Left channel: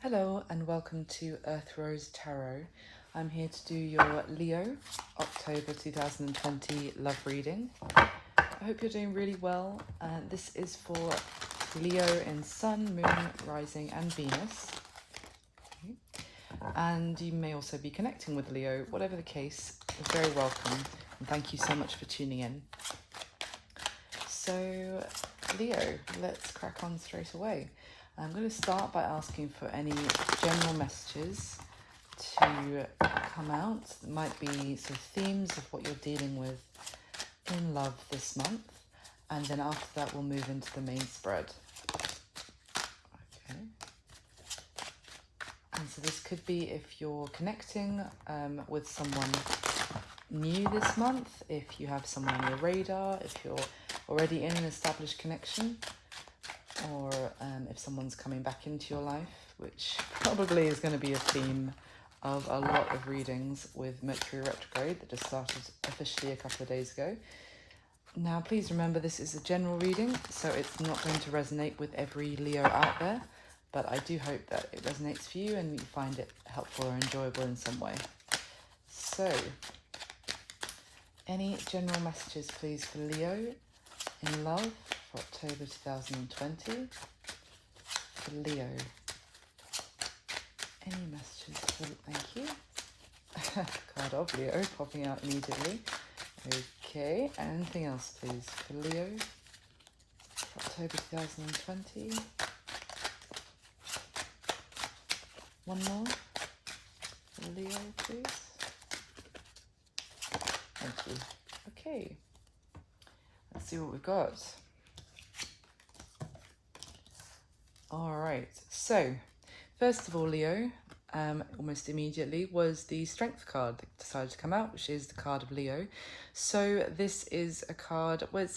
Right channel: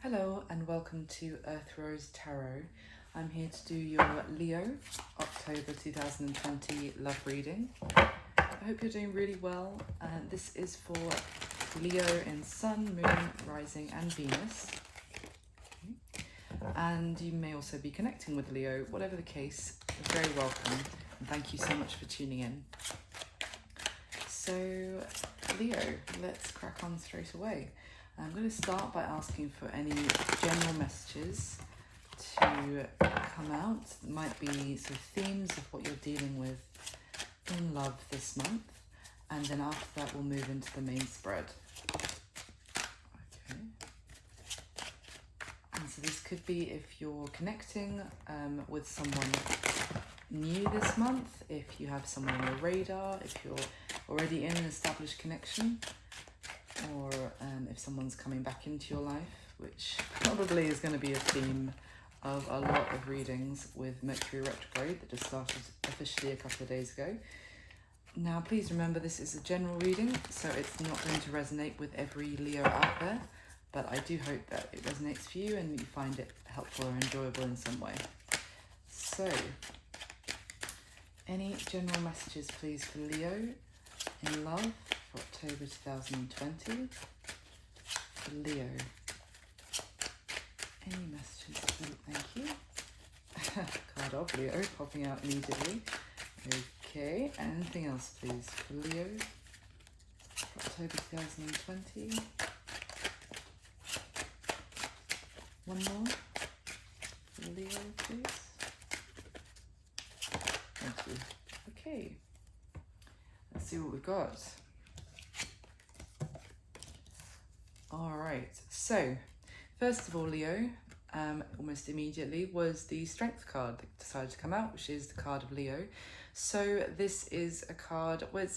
Hello and welcome to Earth Rose Tarot. I'm here to do your Leo October 2020 love reading. I hope you're doing really well. This is for Leo in Sun, Moon, Rising and Venus. Okay. And you may also be connecting with Leo. Whatever the case, you're very welcome and thank you so much for tuning in. So Leo, let's crack on straight away. I'm going to start by asking for any general messages to come out. There might be some themes of what you're dealing with in love this month, and then after that we'll move into the main spread. Okay. And so this could be if you're connecting with someone new this month, if you have someone on your radar, if you're already in an established connection, or if someone's coming back into your life, which probably is going to be a theme of a lot of readings with Mercury retrograde that just started officially a couple of days ago. Now please remember this is a general reading, so it's not going to resonate with every Leo out there, but I do hope that it resonates for you and you find it helpful or enjoyable in some way. So, any general messages please for Leo in love for October 2020. For Leo. Any messages, please? Thank you. Card of Leo popping out immediately. Okay, anything else please for Leo for October 2020. One more for Leo, please. Thank you. Okay. Let's see what we've got. All right, so first of all, Leo, almost immediately was the Strength card that decided to come out, which is the card of Leo. So this is a card where it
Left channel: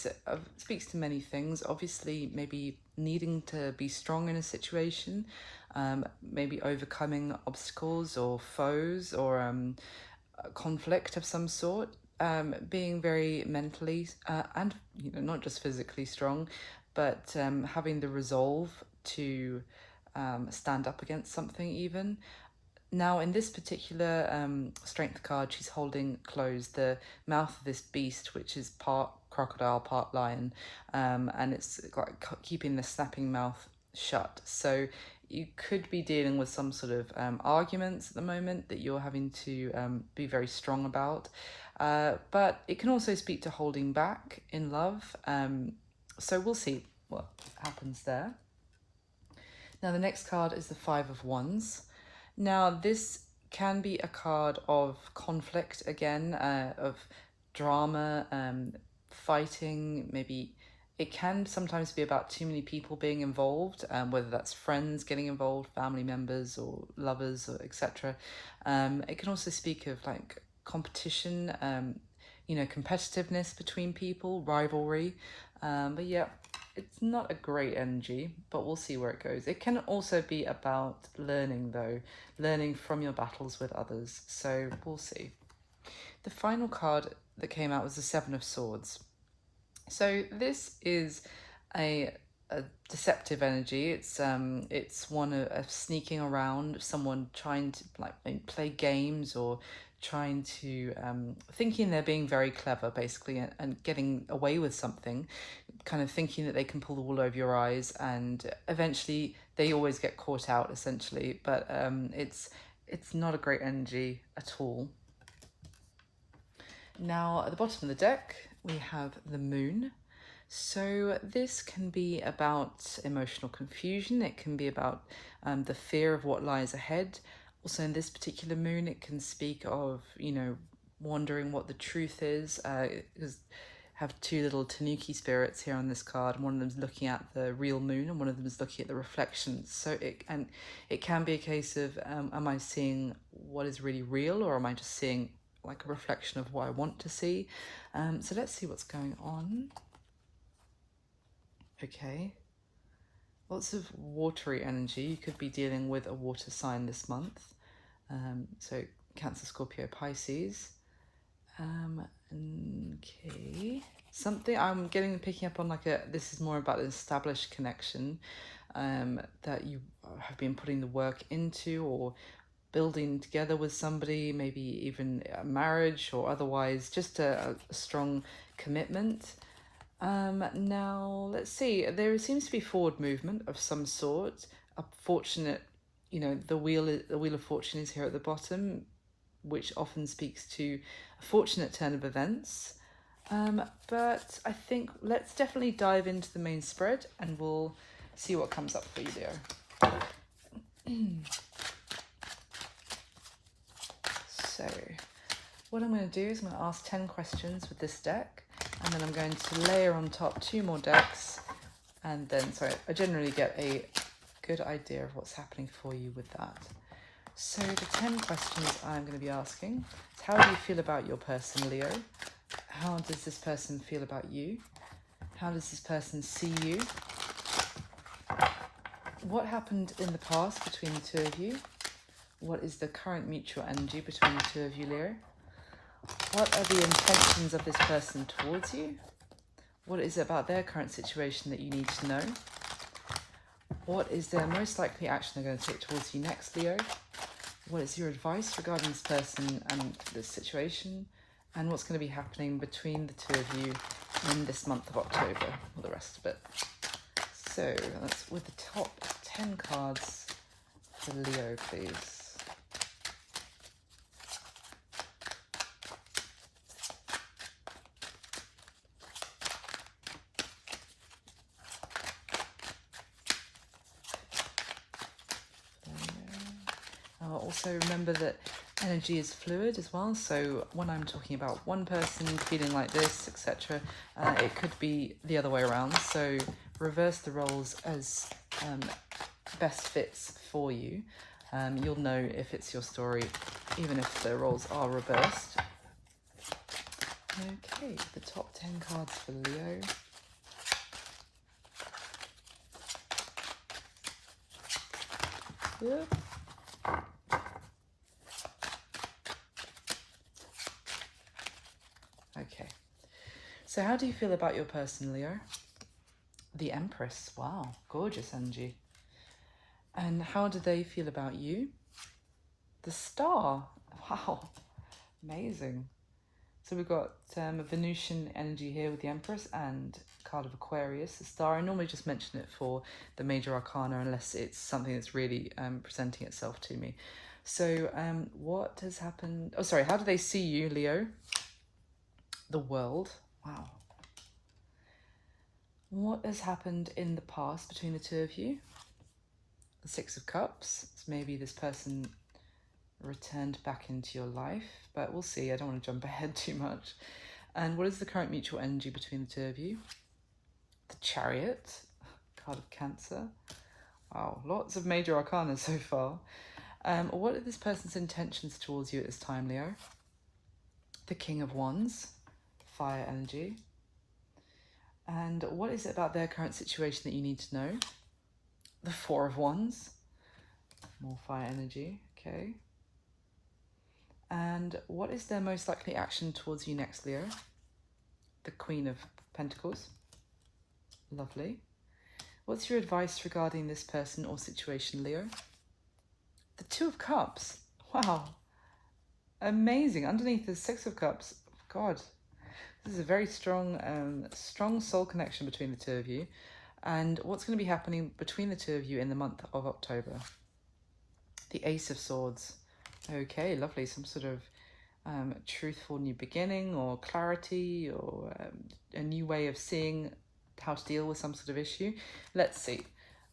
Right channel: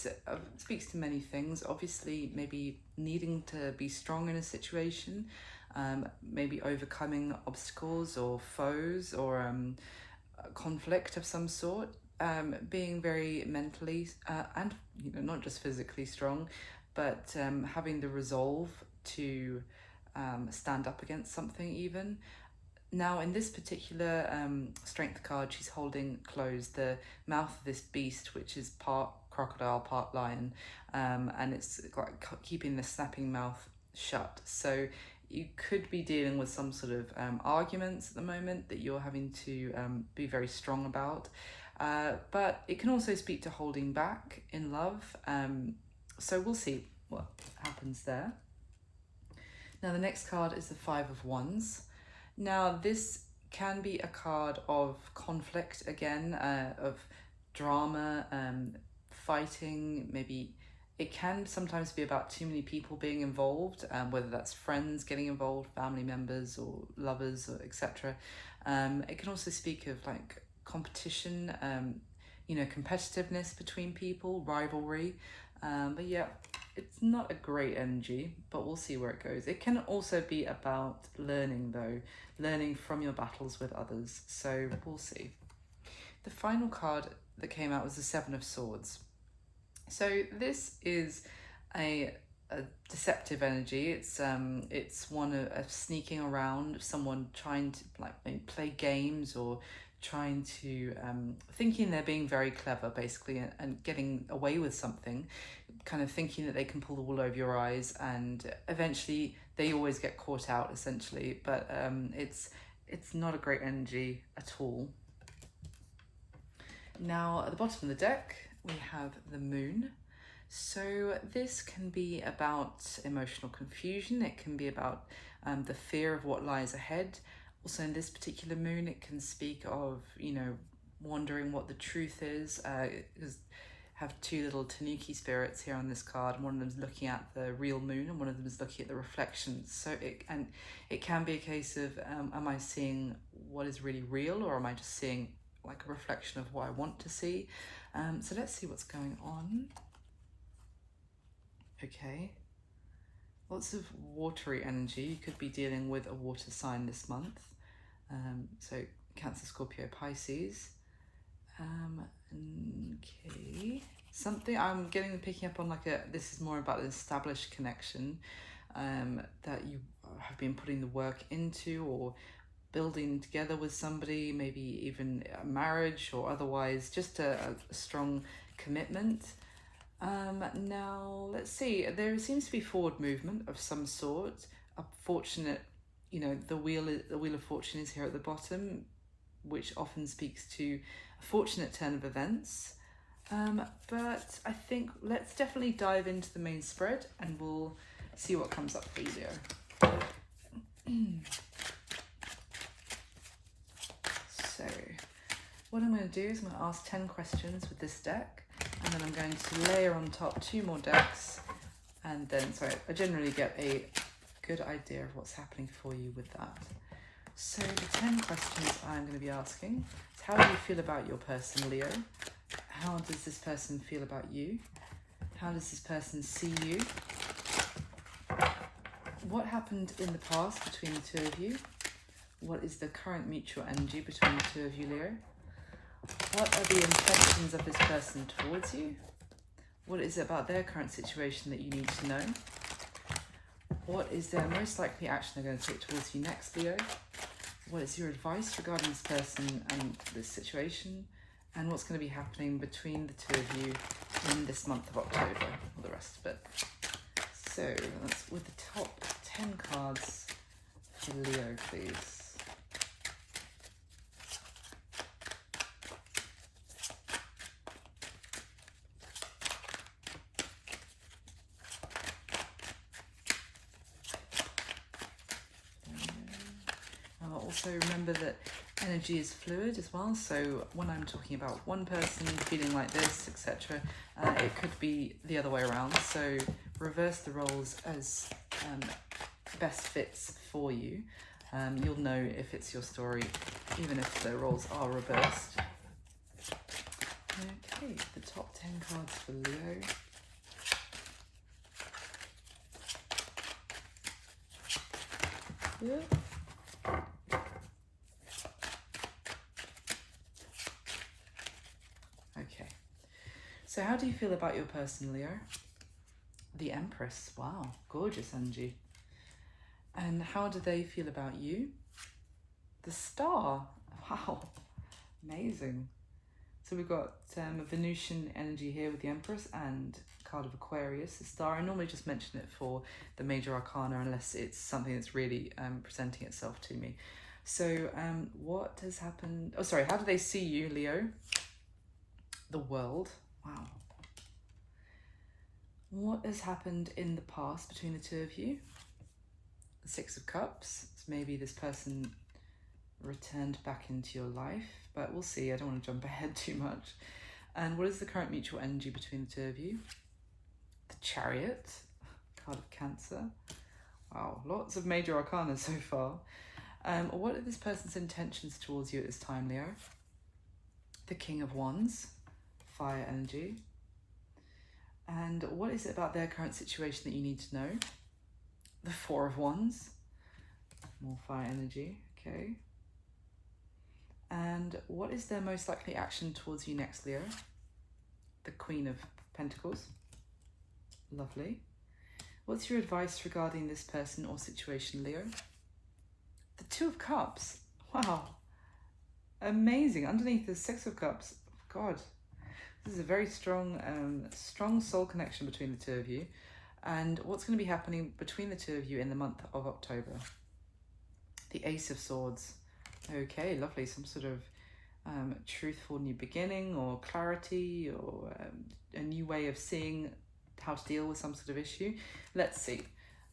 speaks to many things. Obviously, maybe needing to be strong in a situation, maybe overcoming obstacles or foes or conflict of some sort. Being very mentally and not just physically strong, but having the resolve to stand up against something even. Now in this particular Strength card, she's holding closed the mouth of this beast, which is part crocodile, part lion, and it's like keeping the snapping mouth shut. So you could be dealing with some sort of arguments at the moment that you're having to be very strong about. But it can also speak to holding back in love. So we'll see what happens there. Now the next card is the Five of Wands. Now this can be a card of conflict again, of drama, fighting, maybe. It can sometimes be about too many people being involved, whether that's friends getting involved, family members or lovers, or etc. It can also speak of like competition, competitiveness between people, rivalry. But yeah, it's not a great energy, but we'll see where it goes. It can also be about learning though, learning from your battles with others. So we'll see. The final card that came out was the Seven of Swords. So this is a deceptive energy. It's one of sneaking around, someone trying to like play games or trying to thinking they're being very clever basically and getting away with something, kind of thinking that they can pull the wool over your eyes, and eventually they always get caught out essentially. But it's not a great energy at all. Now at the bottom of the deck we have the Moon. So this can be about emotional confusion. It can be about the fear of what lies ahead. Also in this particular moon, it can speak of, wondering what the truth is. Because have two little Tanuki spirits here on this card, and one of them is looking at the real moon and one of them is looking at the reflections. So it can be a case of, am I seeing what is really real, or am I just seeing like a reflection of what I want to see? So let's see what's going on. Okay, lots of watery energy. You could be dealing with a water sign this month. So Cancer, Scorpio, Pisces. Okay, something I'm picking up on, like this is more about an established connection that you have been putting the work into, or building together with somebody, maybe even a marriage or otherwise, just a strong commitment. Now, let's see, there seems to be forward movement of some sort, a fortunate, the wheel of fortune is here at the bottom, which often speaks to a fortunate turn of events. But I think let's definitely dive into the main spread and we'll see what comes up for you, Leo. So, what I'm going to do is I'm going to ask 10 questions with this deck, and then I'm going to layer on top 2 more decks, and then, sorry, I generally get a good idea of what's happening for you with that. So the 10 questions I'm going to be asking is, how do you feel about your person, Leo? How does this person feel about you? How does this person see you? What happened in the past between the 2 of you? What is the current mutual energy between the 2 of you, Leo? What are the intentions of this person towards you? What is it about their current situation that you need to know? What is their most likely action they're going to take towards you next, Leo? What is your advice regarding this person and this situation? And what's going to be happening between the 2 of you in this month of October, and the rest of it. So that's with the top 10 cards for Leo, please. Also remember that energy is fluid as well, so when I'm talking about one person feeling like this, etc., it could be the other way around, so reverse the roles as best fits for you. You'll know if it's your story, even if the roles are reversed. Okay, the top 10 cards for Leo. Yep. Okay, so how do you feel about your person, Leo? The Empress, wow, gorgeous energy. And how do they feel about you? The Star, wow, amazing. So we've got Venusian energy here with the Empress and card of Aquarius, the Star. I normally just mention it for the major arcana unless it's something that's really presenting itself to me. So what has happened? Oh, sorry, how do they see you, Leo? The World, wow. What has happened in the past between the 2 of you? The 6 of Cups. So maybe this person returned back into your life, but we'll see. I don't want to jump ahead too much. And what is the current mutual energy between the 2 of you? The Chariot, card of Cancer. Wow, lots of major arcana so far. What are this person's intentions towards you at this time, Leo? The King of Wands, fire energy. And what is it about their current situation that you need to know? The Four of Wands, more fire energy, okay. And what is their most likely action towards you next, Leo? The Queen of Pentacles, lovely. What's your advice regarding this person or situation, Leo? The Two of Cups, wow, amazing. Underneath the 6 of Cups, God, this is a very strong, strong soul connection between the 2 of you. And what's going to be happening between the 2 of you in the month of October? The Ace of Swords. Okay, lovely. Some sort of truthful new beginning or clarity or a new way of seeing how to deal with some sort of issue. Let's see.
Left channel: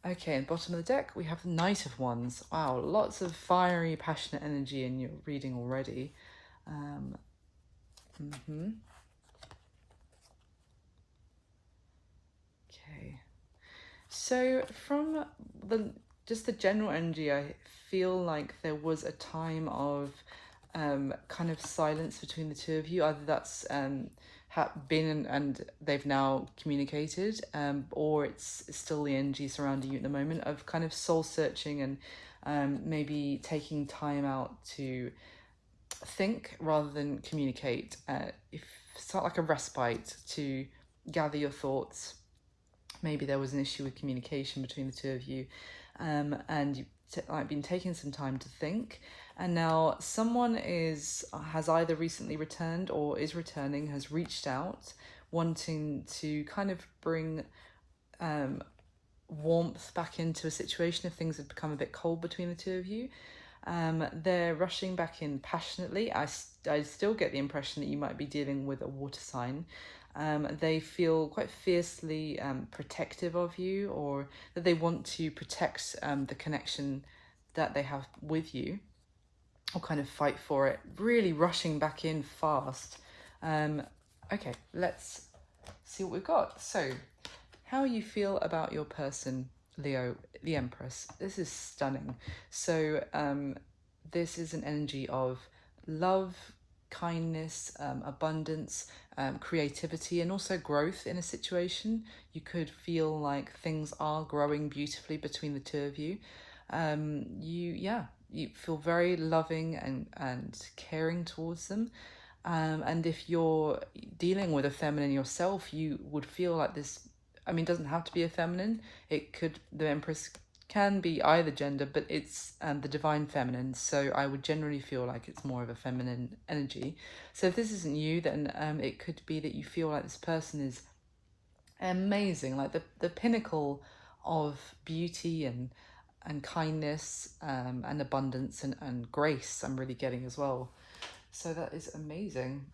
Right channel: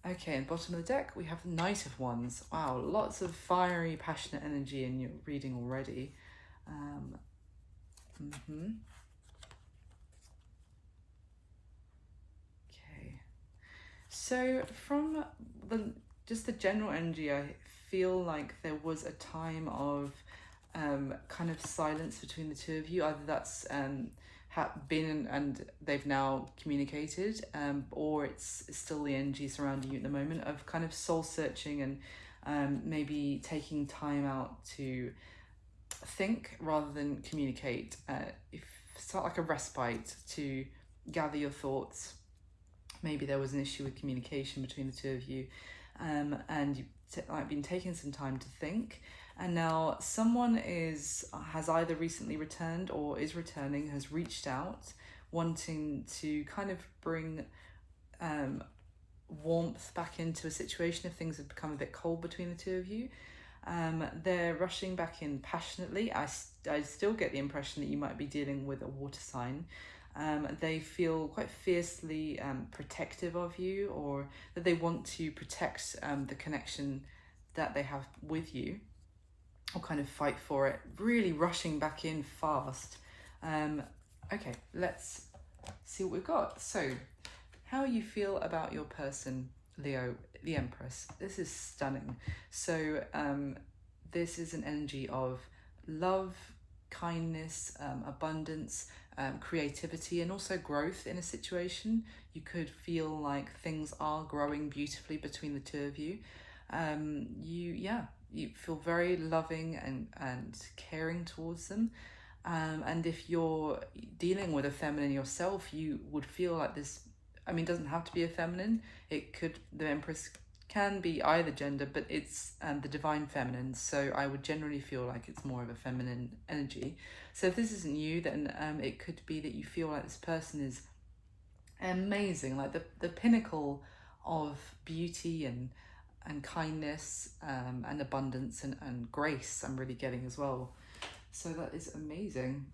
Okay, at the bottom of the deck, we have the Knight of Wands. Wow, lots of fiery, passionate energy in your reading already. So from just the general energy, I feel like there was a time of kind of silence between the 2 of you. Either that's been and they've now communicated, or it's still the energy surrounding you at the moment of kind of soul searching and maybe taking time out to think rather than communicate. If it's not like a respite to gather your thoughts. Maybe there was an issue with communication between the 2 of you. and you've been taking some time to think. And now someone has either recently returned or is returning, has reached out, wanting to kind of bring warmth back into a situation if things have become a bit cold between the two of you. They're rushing back in passionately. I still get the impression that you might be dealing with a water sign. They feel quite fiercely protective of you, or that they want to protect the connection that they have with you, or kind of fight for it, really rushing back in fast. Okay, let's see what we've got. So, how you feel about your person, Leo, the Empress. This is stunning. So, this is an energy of love, kindness, abundance, creativity, and also growth in a situation. You could feel like things are growing beautifully between the two of you. You feel very loving and caring towards them. And if you're dealing with a feminine yourself, you would feel like this. I mean, it doesn't have to be a feminine. The Empress can be either gender, but it's the divine feminine. So I would generally feel like it's more of a feminine energy. So if this isn't you, then it could be that you feel like this person is amazing, like the pinnacle of beauty and kindness, and abundance and grace. I'm really getting as well. So that is amazing.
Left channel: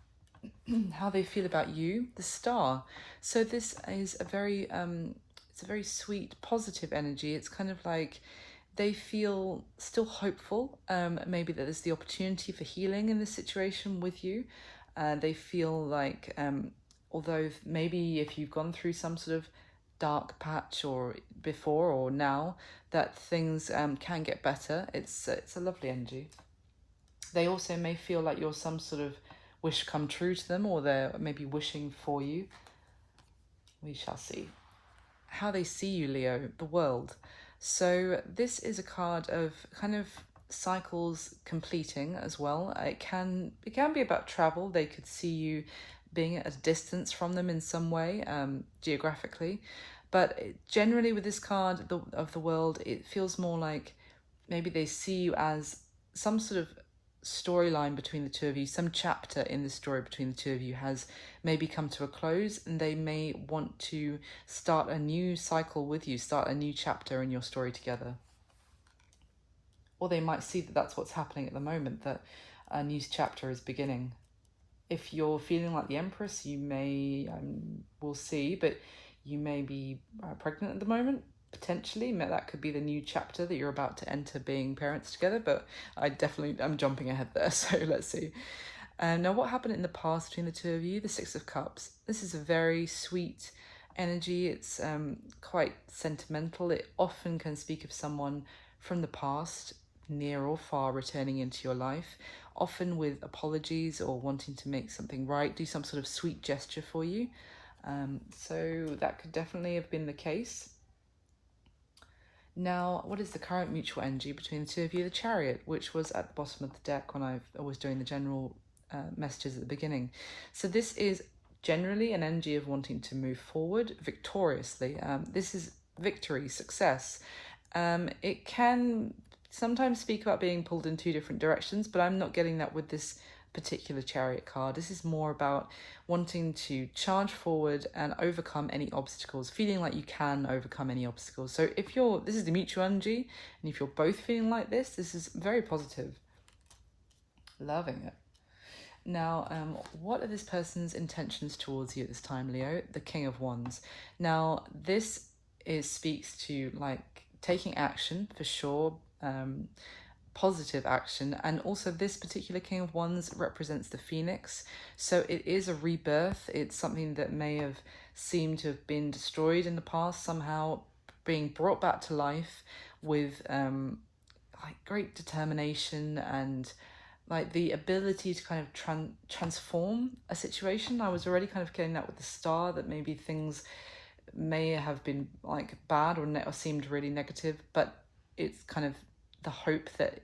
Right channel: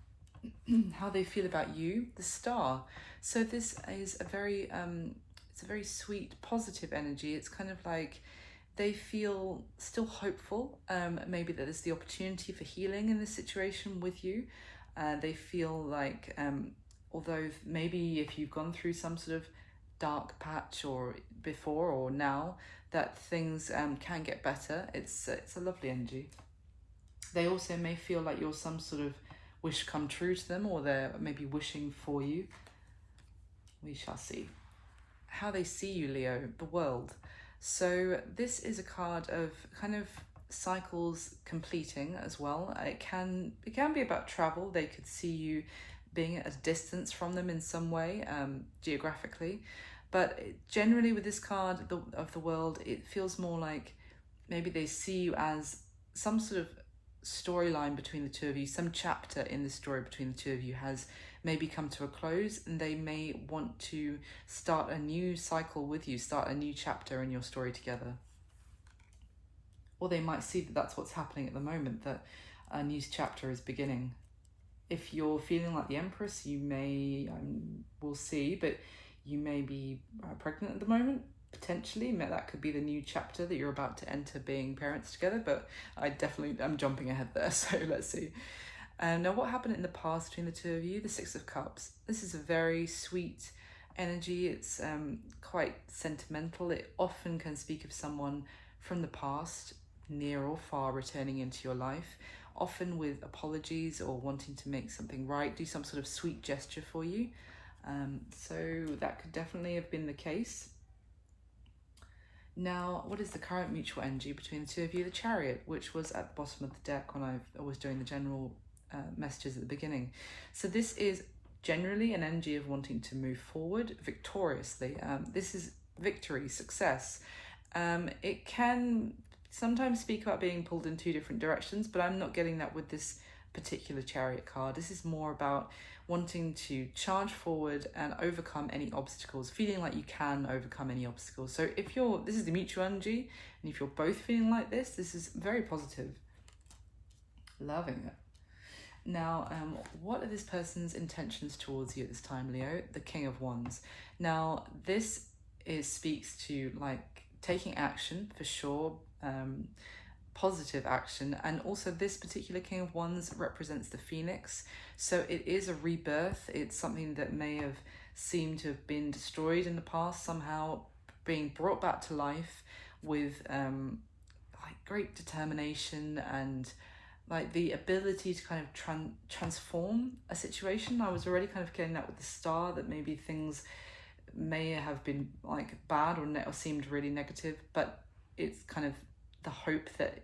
How they feel about you, the Star. So this is it's a very sweet, positive energy. It's kind of like they feel still hopeful. Maybe that there's the opportunity for healing in this situation with you. They feel like, although maybe if you've gone through some sort of dark patch or before or now, that things can get better. It's a lovely energy. They also may feel like you're some sort of wish come true to them, or they're maybe wishing for you. We shall see. How they see you, Leo, the world. So this is a card of kind of cycles completing as well. It can be about travel. They could see you being at a distance from them in some way, geographically. But generally with this card of the world, it feels more like maybe they see you as some sort of storyline between the two of you. Some chapter in the story between the two of you has maybe come to a close, and they may want to start a new cycle with you, start a new chapter in your story together. Or they might see that that's what's happening at the moment, that a new chapter is beginning. If you're feeling like the Empress, you may, we'll see, but you may be pregnant at the moment. Potentially, that could be the new chapter that you're about to enter, being parents together, but I'm jumping ahead there, so let's see. Now, what happened in the past between the two of you? The Six of Cups. This is a very sweet energy. It's quite sentimental. It often can speak of someone from the past, near or far, returning into your life, often with apologies or wanting to make something right, do some sort of sweet gesture for you. So that could definitely have been the case. Now, what is the current mutual energy between the two of you? The Chariot, which was at the bottom of the deck when I was doing the general messages at the beginning. So this is generally an energy of wanting to move forward victoriously. This is victory, success. It can sometimes speak about being pulled in two different directions, but I'm not getting that with this particular Chariot card. This is more about wanting to charge forward and overcome any obstacles, feeling like you can overcome any obstacles. So this is the mutual energy, and if you're both feeling like this is very positive. Loving it. Now, what are this person's intentions towards you at this time, Leo? The King of Wands. Now, this speaks to like taking action for sure, positive action, and also this particular King of Wands represents the Phoenix. So it is a rebirth. It's something that may have seemed to have been destroyed in the past, somehow being brought back to life with like great determination and like the ability to kind of transform a situation. I was already kind of getting that with the Star, that maybe things may have been like bad or seemed really negative, but it's kind of the hope that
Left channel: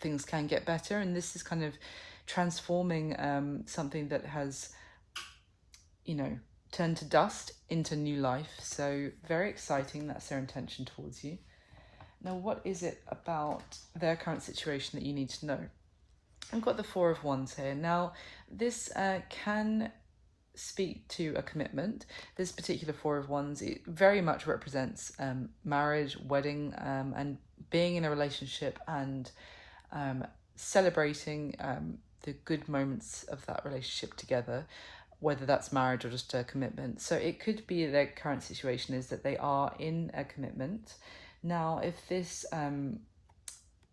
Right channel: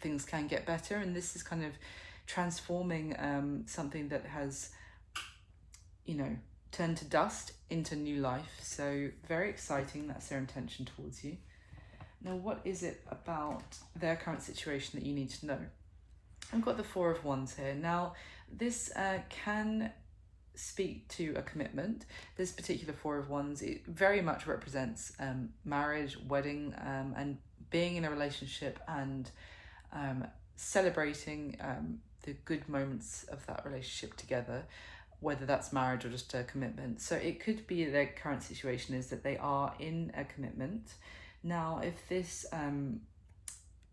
things can get better, and this is kind of transforming something that has, turned to dust into new life. So very exciting. That's their intention towards you. Now, what is it about their current situation that you need to know? I've got the Four of Wands here. Now, this can speak to a commitment. This particular Four of Wands, it very much represents marriage, wedding, and being in a relationship and celebrating the good moments of that relationship together, whether that's marriage or just a commitment. So it could be their current situation is that they are in a commitment. Now, if this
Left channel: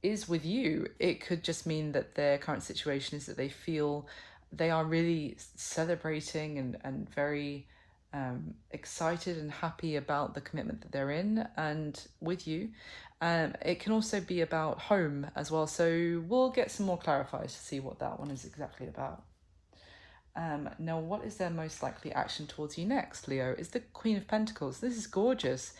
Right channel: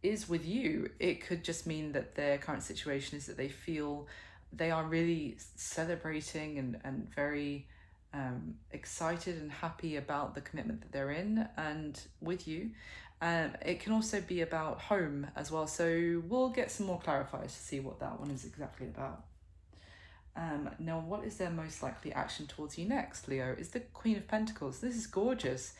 is with you, it could just mean that their current situation is that they feel they are really celebrating and very excited and happy about the commitment that they're in and with you. It can also be about home as well, so we'll get some more clarifiers to see what that one is exactly about. Now, what is their most likely action towards you next, Leo? Is the Queen of Pentacles. This is gorgeous.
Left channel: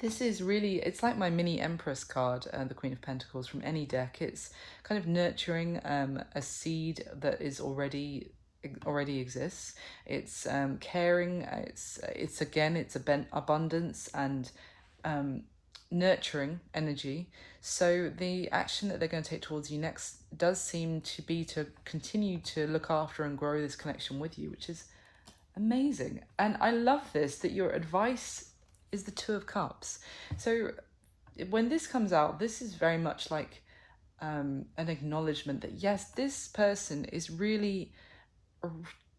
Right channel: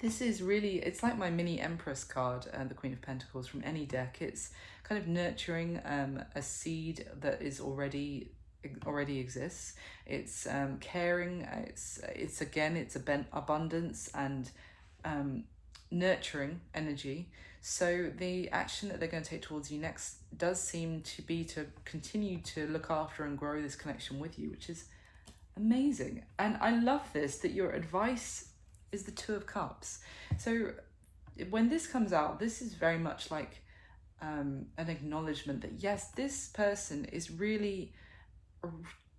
This is really, it's like my mini Empress card, the Queen of Pentacles from any deck. It's kind of nurturing a seed that is already exists. It's caring. It's again, it's abundance and nurturing energy. So the action that they're going to take towards you next does seem to be to continue to look after and grow this connection with you, which is amazing. And I love this, that your advice is the Two of Cups. So when this comes out, this is very much like an acknowledgement that yes, this person is really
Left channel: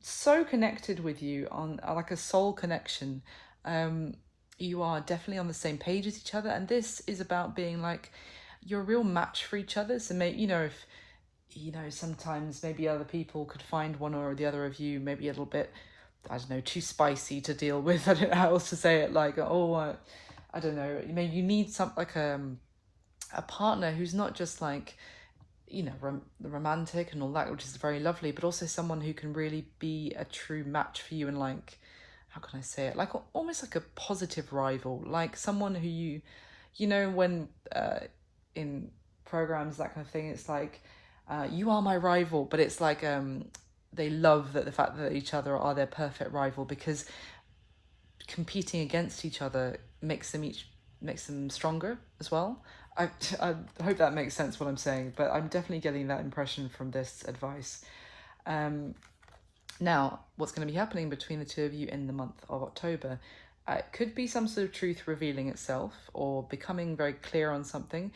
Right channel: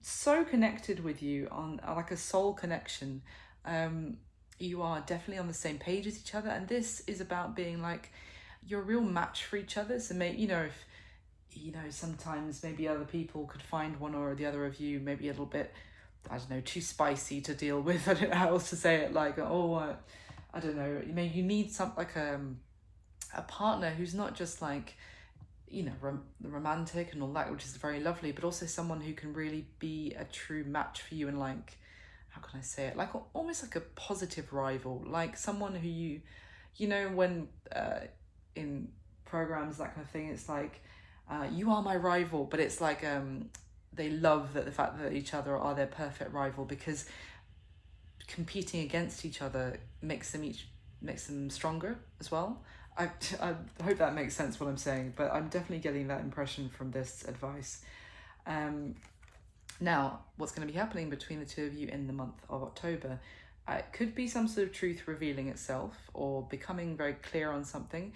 so connected with you on like a soul connection. You are definitely on the same page as each other, and this is about being like you're a real match for each other. So maybe, if sometimes maybe other people could find one or the other of you maybe a little bit, I don't know, too spicy to deal with. I don't know how else to say it. Like, I don't know. You need some like a partner who's not just like, the romantic and all that, which is very lovely, but also someone who can really be a true match for you and like, how can I say it? Like almost like a positive rival, like someone who when in programs, that kind of thing, it's like, you are my rival, but it's like they love the fact that each other are their perfect rival, because competing against each other makes them stronger as well. I hope that makes sense what I'm saying, but I'm definitely getting that impression from this advice. Now, what's going to be happening between the two of you in the month of October? It could be some sort of truth revealing itself or becoming very clear on something.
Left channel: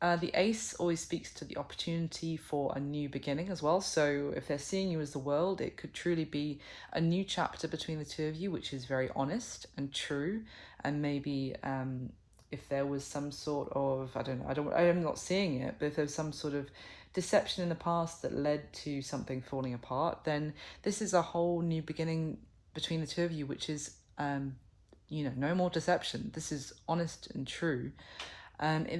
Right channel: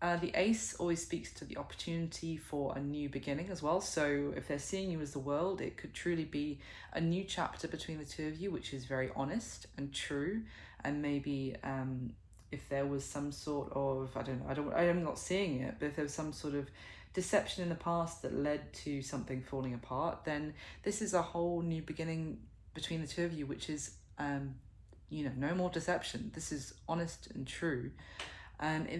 The Ace always speaks to the opportunity for a new beginning as well. So if they're seeing you as the world, it could truly be a new chapter between the two of you, which is very honest and true. And maybe if there was some sort of, I'm not seeing it, but if there's some sort of deception in the past that led to something falling apart, then this is a whole new beginning between the two of you, which is, no more deception. This is honest and true.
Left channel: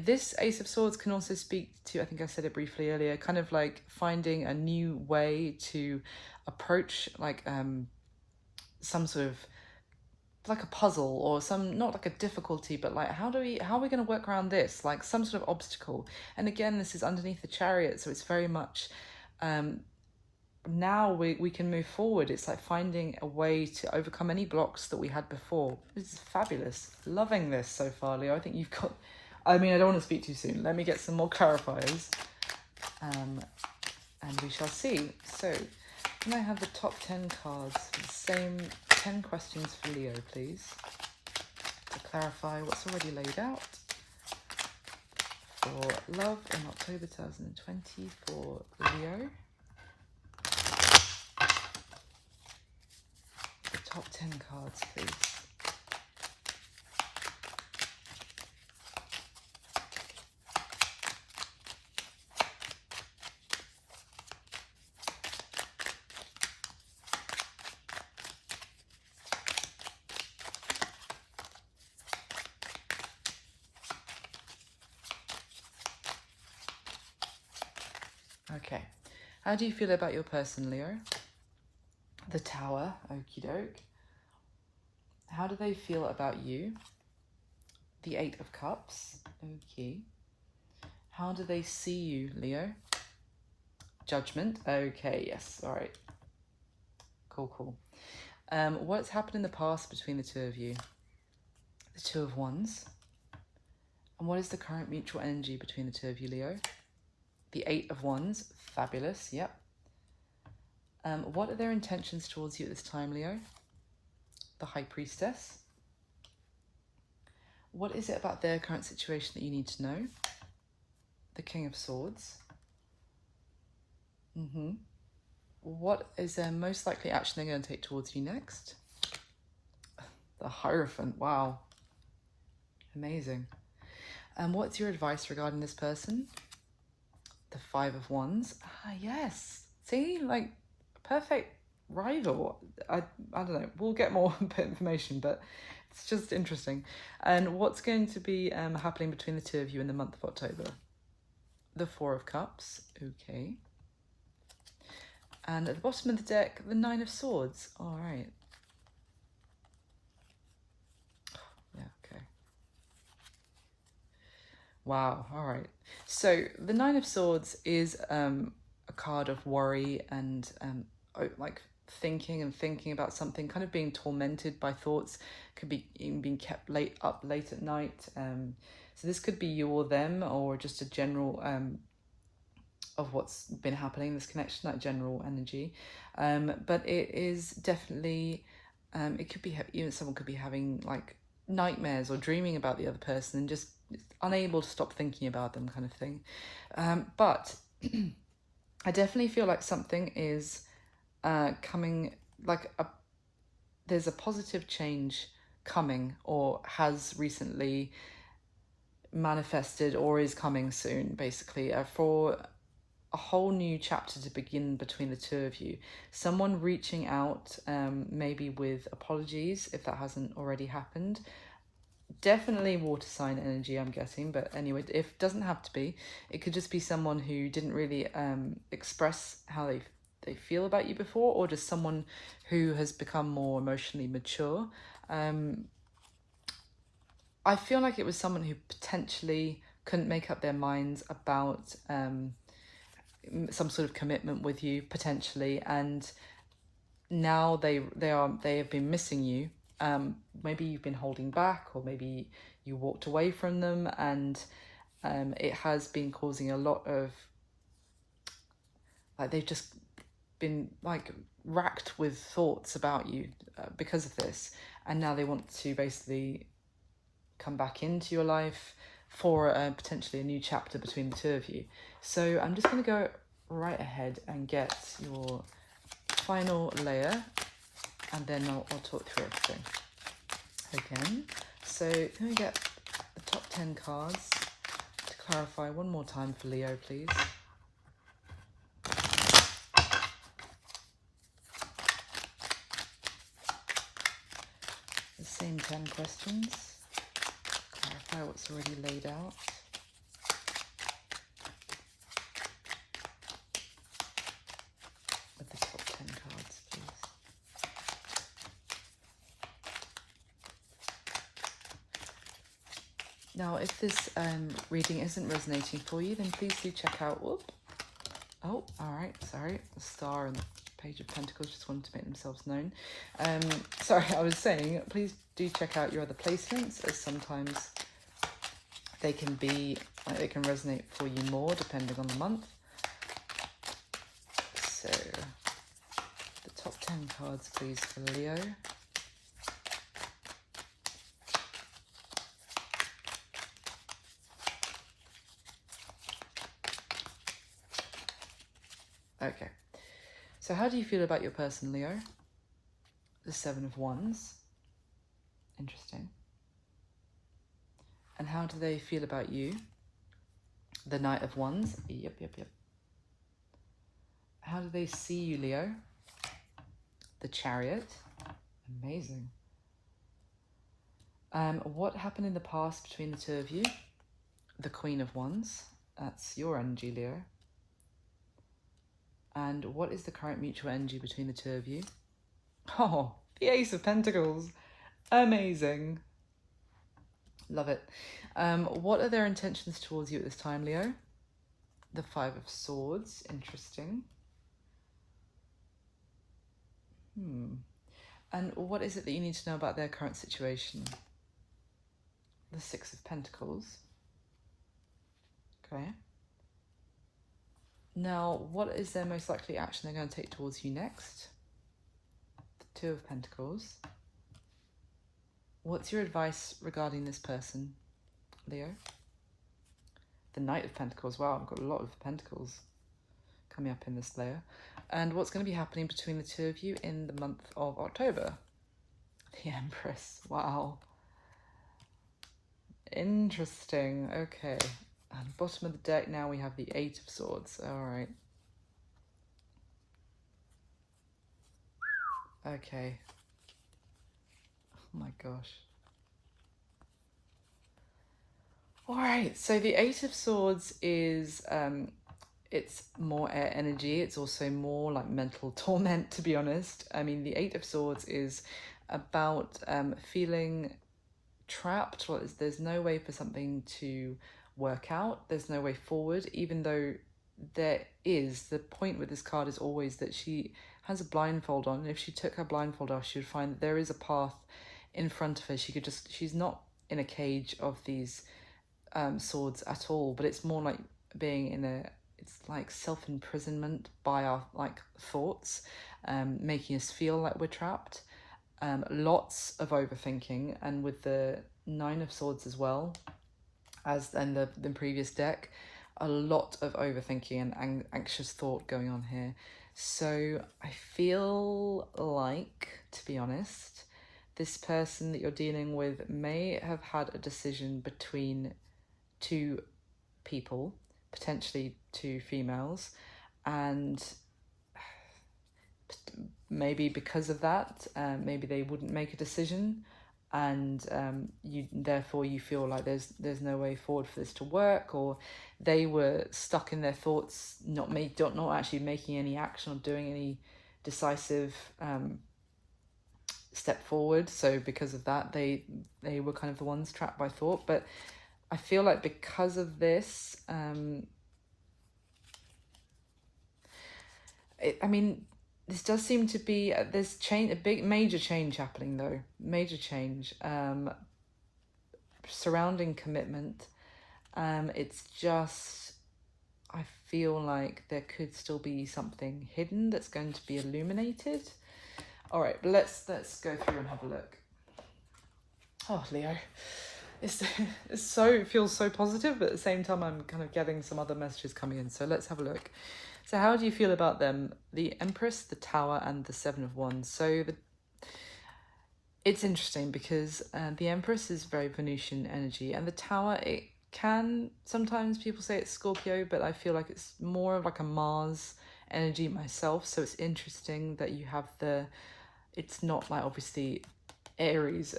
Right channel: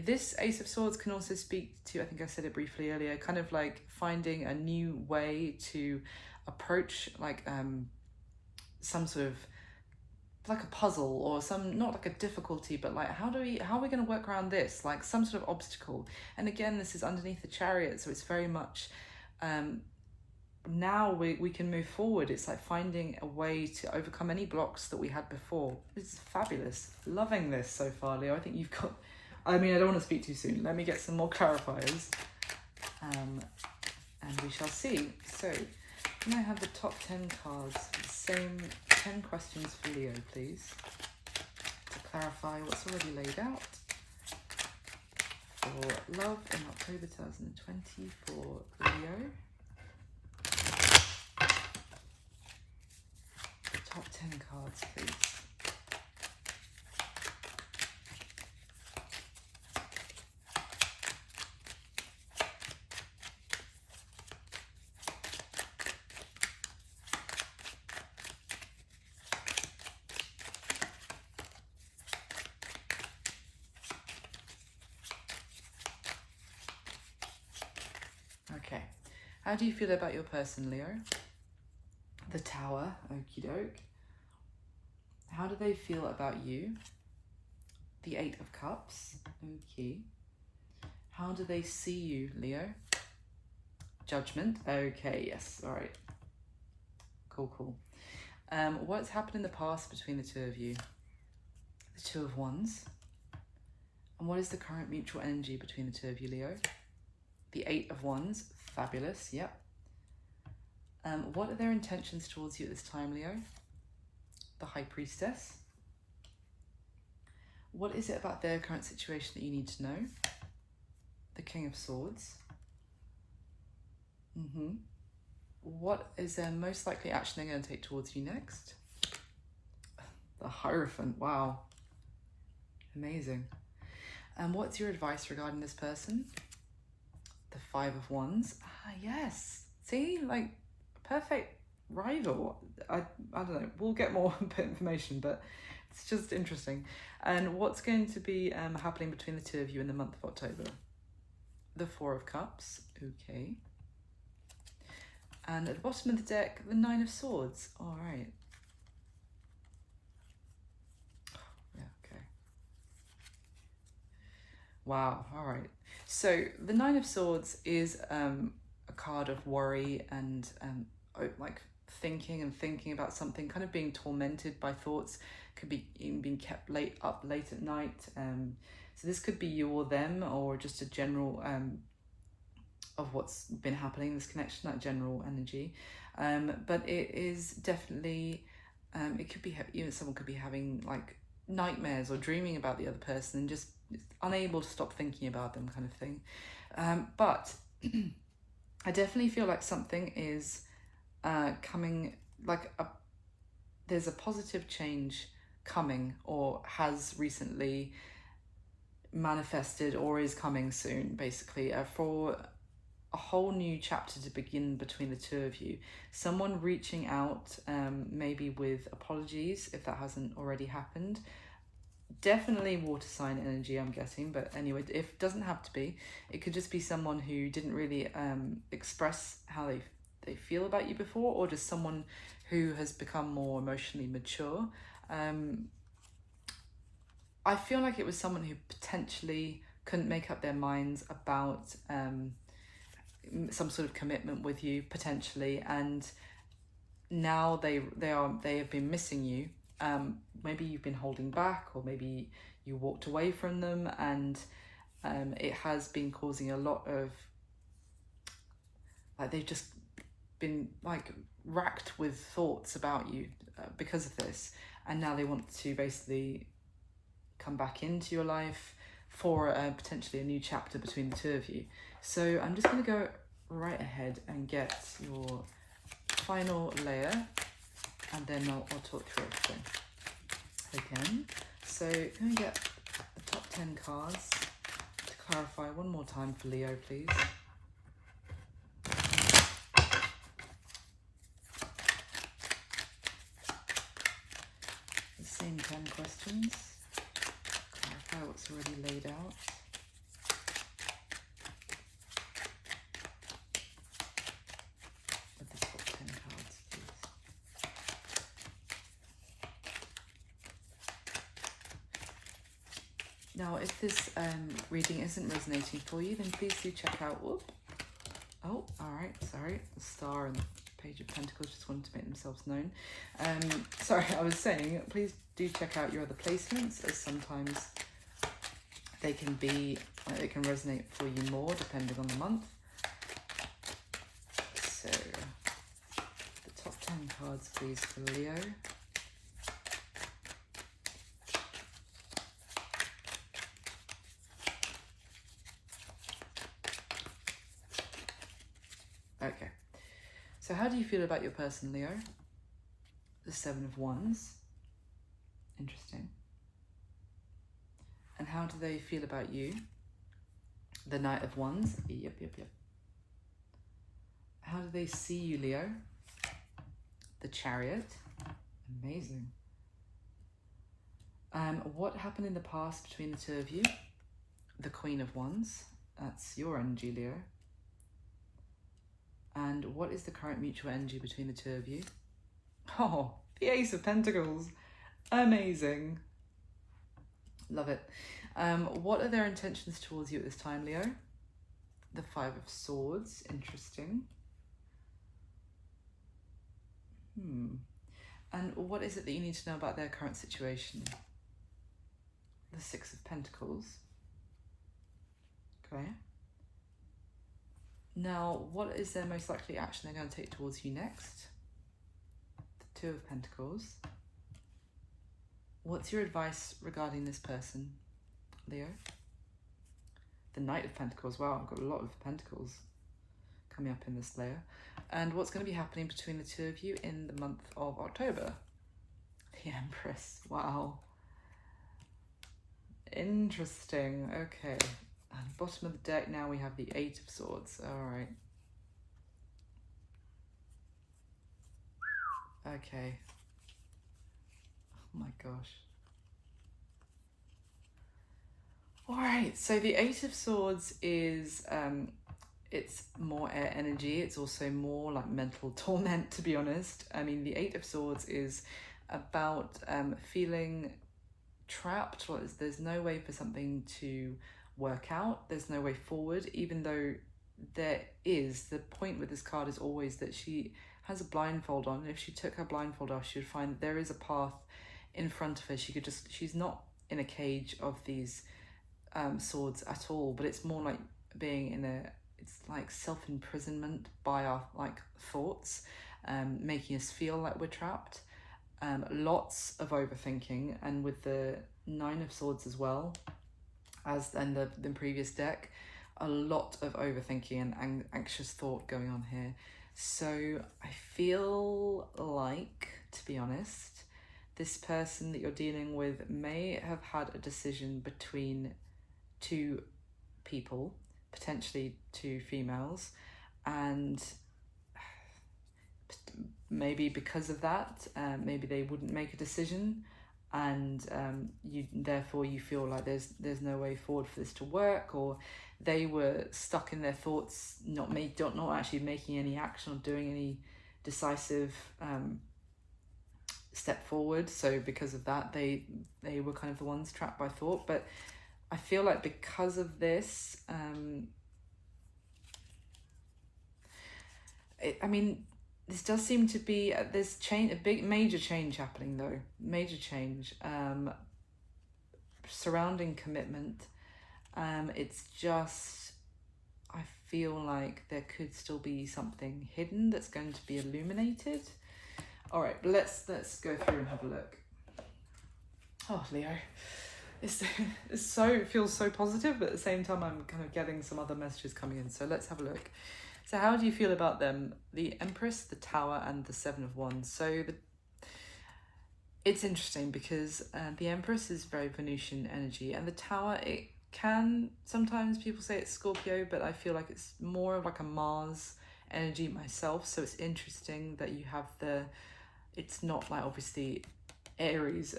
This Ace of Swords can also speak to, I think I said it briefly earlier, kind of like finding a new way to approach like some sort of like a puzzle or some, not like a difficulty, but like how are we going to work around this, like some sort of obstacle. And again, this is underneath the Chariot, so it's very much now we can move forward. It's like finding a way to overcome any blocks that we had before. This is fabulous. Loving this so far, Leo. I think you've got, I don't want to speak too soon. Let me get some more clarifiers and we shall see. So can I have the top 10 cards, the same 10 questions for Leo, please, to clarify what's already laid out for love in October 2020 for Leo. Top 10 cards, please. Okay, how do you feel about your person, Leo? The Tower, okie doke. How do they feel about you? The Eight of Cups, okay. How do they see you, Leo? Judgment, okay, yes, all right. Cool. What's happened in the past between the two of you? The Two of Wands. And what is the current mutual energy between the two of you, Leo? The Eight of Wands, fabulous, yep. What are their intentions towards you at this time, Leo? The High Priestess. What is it about their current situation that you need to know? The King of Swords. What is their most likely action they're going to take towards you next? The Hierophant, wow. Amazing. And what's your advice regarding this person? The Five of Wands. Ah, yes. See, like, perfect rival. I don't know. We'll get more information, but it's just interesting. And what's going to be happening between the two of you in the month of October? The Four of Cups. Okay. And at the bottom of the deck, the Nine of Swords. All right. Yeah, okay. Wow, all right. So the Nine of Swords is a card of worry and like thinking about something, kind of being tormented by thoughts, could be even being kept up late at night. So this could be you or them, or just a general of what's been happening, this connection, that general energy. But it is definitely, it could be, even someone could be having like nightmares or dreaming about the other person and just unable to stop thinking about them, kind of thing. But I definitely feel like something is coming, like there's a positive change coming, or has recently manifested, or is coming soon, basically, for a whole new chapter to begin between the two of you. Someone reaching out, maybe with apologies if that hasn't already happened. Definitely water sign energy, I'm getting, but anyway, if it doesn't have to be, it could just be someone who didn't really express how they feel about you before, or just someone who has become more emotionally mature. I feel like it was someone who potentially couldn't make up their minds about some sort of commitment with you, potentially, and now they have been missing you. Maybe you've been holding back, or maybe you walked away from them, and it has been causing a lot of, like, they've just been like racked with thoughts about you because of this, and now they want to basically come back into your life for potentially a new chapter between the two of you. So I'm just going to go right ahead and get your final layer, and then I'll talk through everything again. So can we get the top 10 cards to clarify one more time for Leo, please? The same 10 questions. Clarify what's already laid out. With the top 10 cards, please. Now, if this reading isn't resonating for you, then please do check out. Whoop. Oh, all right. Sorry, the star and the Page of Pentacles just wanted to make themselves known. Sorry, I was saying, please do check out your other placements, as sometimes they can be, they can resonate for you more depending on the month. So, the top 10 cards, please, for Leo. Okay, so how do you feel about your person, Leo? The Seven of Wands. Interesting. And how do they feel about you? The Knight of Wands. Yep. How do they see you, Leo? The Chariot. Amazing. What happened in the past between the two of you? The Queen of Wands. That's your energy, Leo. And what is the current mutual energy between the two of you? Oh, the Ace of Pentacles. Amazing. Love it. What are their intentions towards you at this time, Leo? The Five of Swords. Interesting. And what is it that you need to know about their current situation? The Six of Pentacles. Okay. Now, what is their most likely action they're going to take towards you next? The Two of Pentacles. What's your advice regarding this person, Leo? The Knight of Pentacles. Wow, I've got a lot of Pentacles coming up in this layer. And what's going to be happening between the two of you in the month of October? The Empress. Wow. Interesting. Okay. At the bottom of the deck now we have the Eight of Swords. Alright. Okay. Oh my gosh. Alright, so the Eight of Swords is, it's more air energy. It's also more like mental torment, to be honest. I mean, the Eight of Swords is about feeling trapped. Well, there's no way for something to work out. There's no way forward, even though there is. The point with this card is always that she has a blindfold on. If she took her blindfold off, she would find that there is a path in front of her. She's not in a cage of these swords at all, but it's more like being in a, it's like self-imprisonment by our like thoughts, making us feel like we're trapped. Lots of overthinking, and with the Nine of Swords as well, as in the previous deck, a lot of overthinking and anxious thought going on here. So I feel like, to be honest, this person that you're dealing with may have had a decision between two people, potentially two females, and maybe because of that, maybe they wouldn't make a decision, and therefore you feel like there's no way forward for this to work, or they were stuck in their thoughts, not actually making any action or doing any decisive step forward. So because of that, they were kind of the ones trapped by thought. But I feel like because of this, I mean, this does seem to be there's change, a big major change happening though, major change surrounding commitment. It's just, I feel like there could still be something hidden that's going to be illuminated. All right, let's go through and have a look. Oh, Leo, it feels so positive, but at the same time I'm kind of getting some other messages coming in. So let's have a look. So how do you feel about them? The Empress, the Tower, and the Seven of Wands. So it's interesting because the Empress is very Venusian energy, and the Tower, it can, sometimes people say it's Scorpio, but I feel like it's more of like a Mars energy myself. So it's interesting that you have it's not like obviously Aries,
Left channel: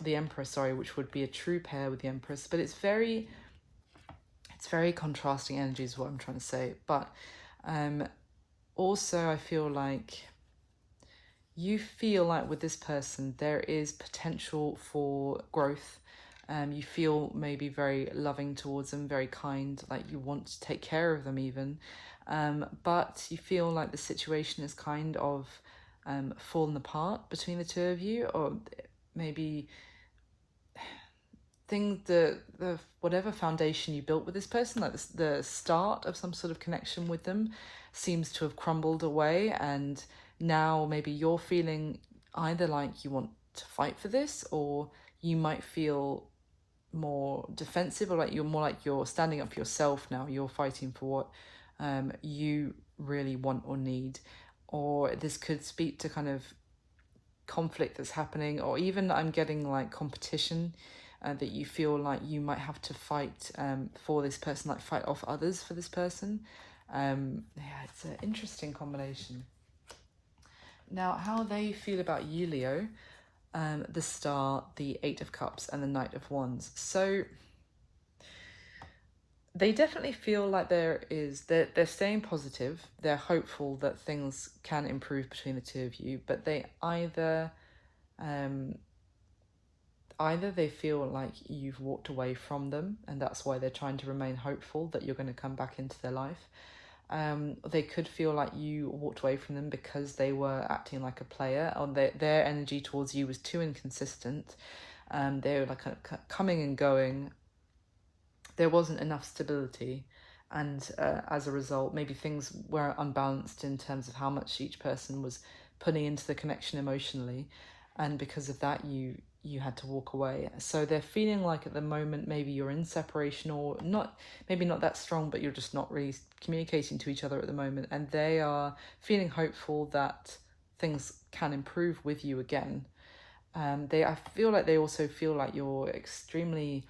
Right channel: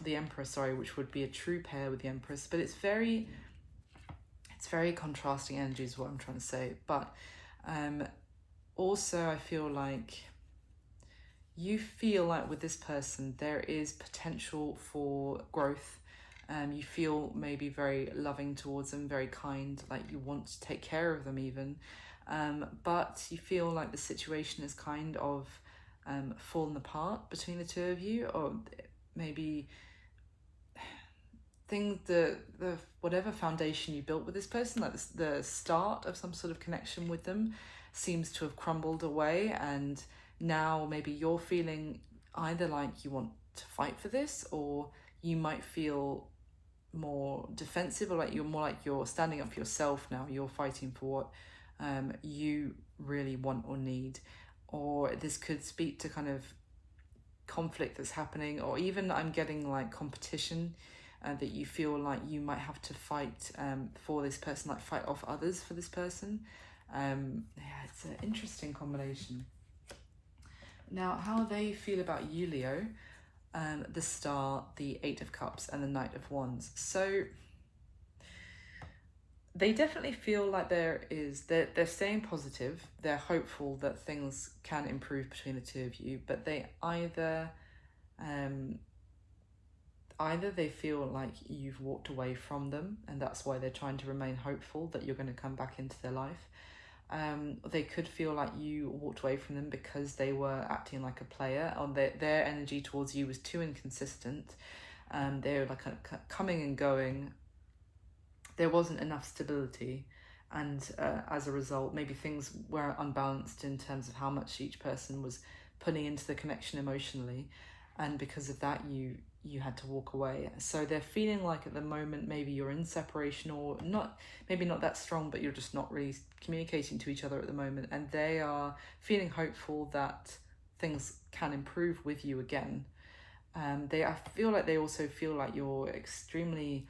the Emperor, sorry, which would be a true pair with the Empress, but it's very contrasting energy is what I'm trying to say. But also I feel like you feel like with this person there is potential for growth. You feel maybe very loving towards them, very kind, like you want to take care of them even, but you feel like the situation is kind of fallen apart between the two of you, or maybe the whatever foundation you built with this person, like the start of some sort of connection with them, seems to have crumbled away, and now maybe you're feeling either like you want to fight for this, or you might feel more defensive, or like you're standing up for yourself now. You're fighting for what you really want or need, or this could speak to kind of conflict that's happening, or even I'm getting like competition, that you feel like you might have to fight for this person, like fight off others for this person. Yeah, it's an interesting combination. Now, how they feel about you, Leo, the Star, the Eight of Cups, and the Knight of Wands. So they definitely feel like they're staying positive. They're hopeful that things can improve between the two of you, but they either they feel like you've walked away from them, and that's why they're trying to remain hopeful that you're going to come back into their life. They could feel like you walked away from them because they were acting like a player, or their energy towards you was too inconsistent. They were like coming and going there wasn't enough stability, and as a result maybe things were unbalanced in terms of how much each person was putting into the connection emotionally, and because of that you had to walk away. So they're feeling like at the moment maybe you're in separation, or not, maybe not that strong, but you're just not really communicating to each other at the moment, and they are feeling hopeful that things can improve with you again. I feel like they also feel like you're extremely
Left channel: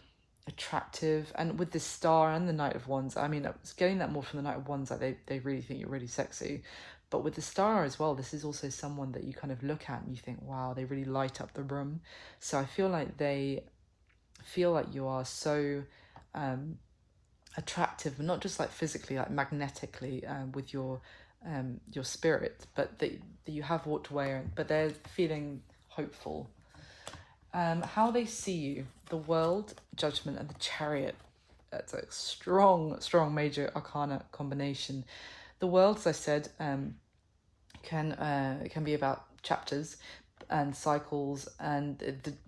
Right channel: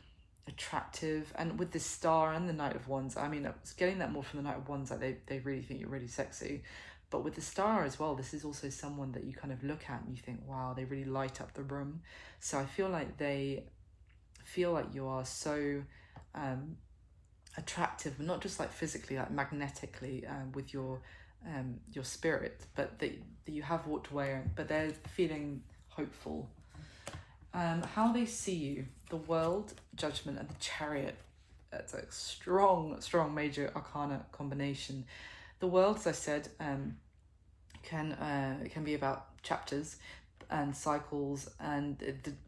attractive, and with the Star and the Knight of Wands, I mean, I was getting that more from the Knight of Wands, like they really think you're really sexy, but with the Star as well, this is also someone that you kind of look at and you think, wow, they really light up the room. So I feel like they feel like you are so attractive, not just like physically, like magnetically, with your spirit, but that you have walked away, but they're feeling hopeful. How they see you: the World, Judgment, and the Chariot. That's a strong major arcana combination. The World, as I said, can be about chapters and cycles, and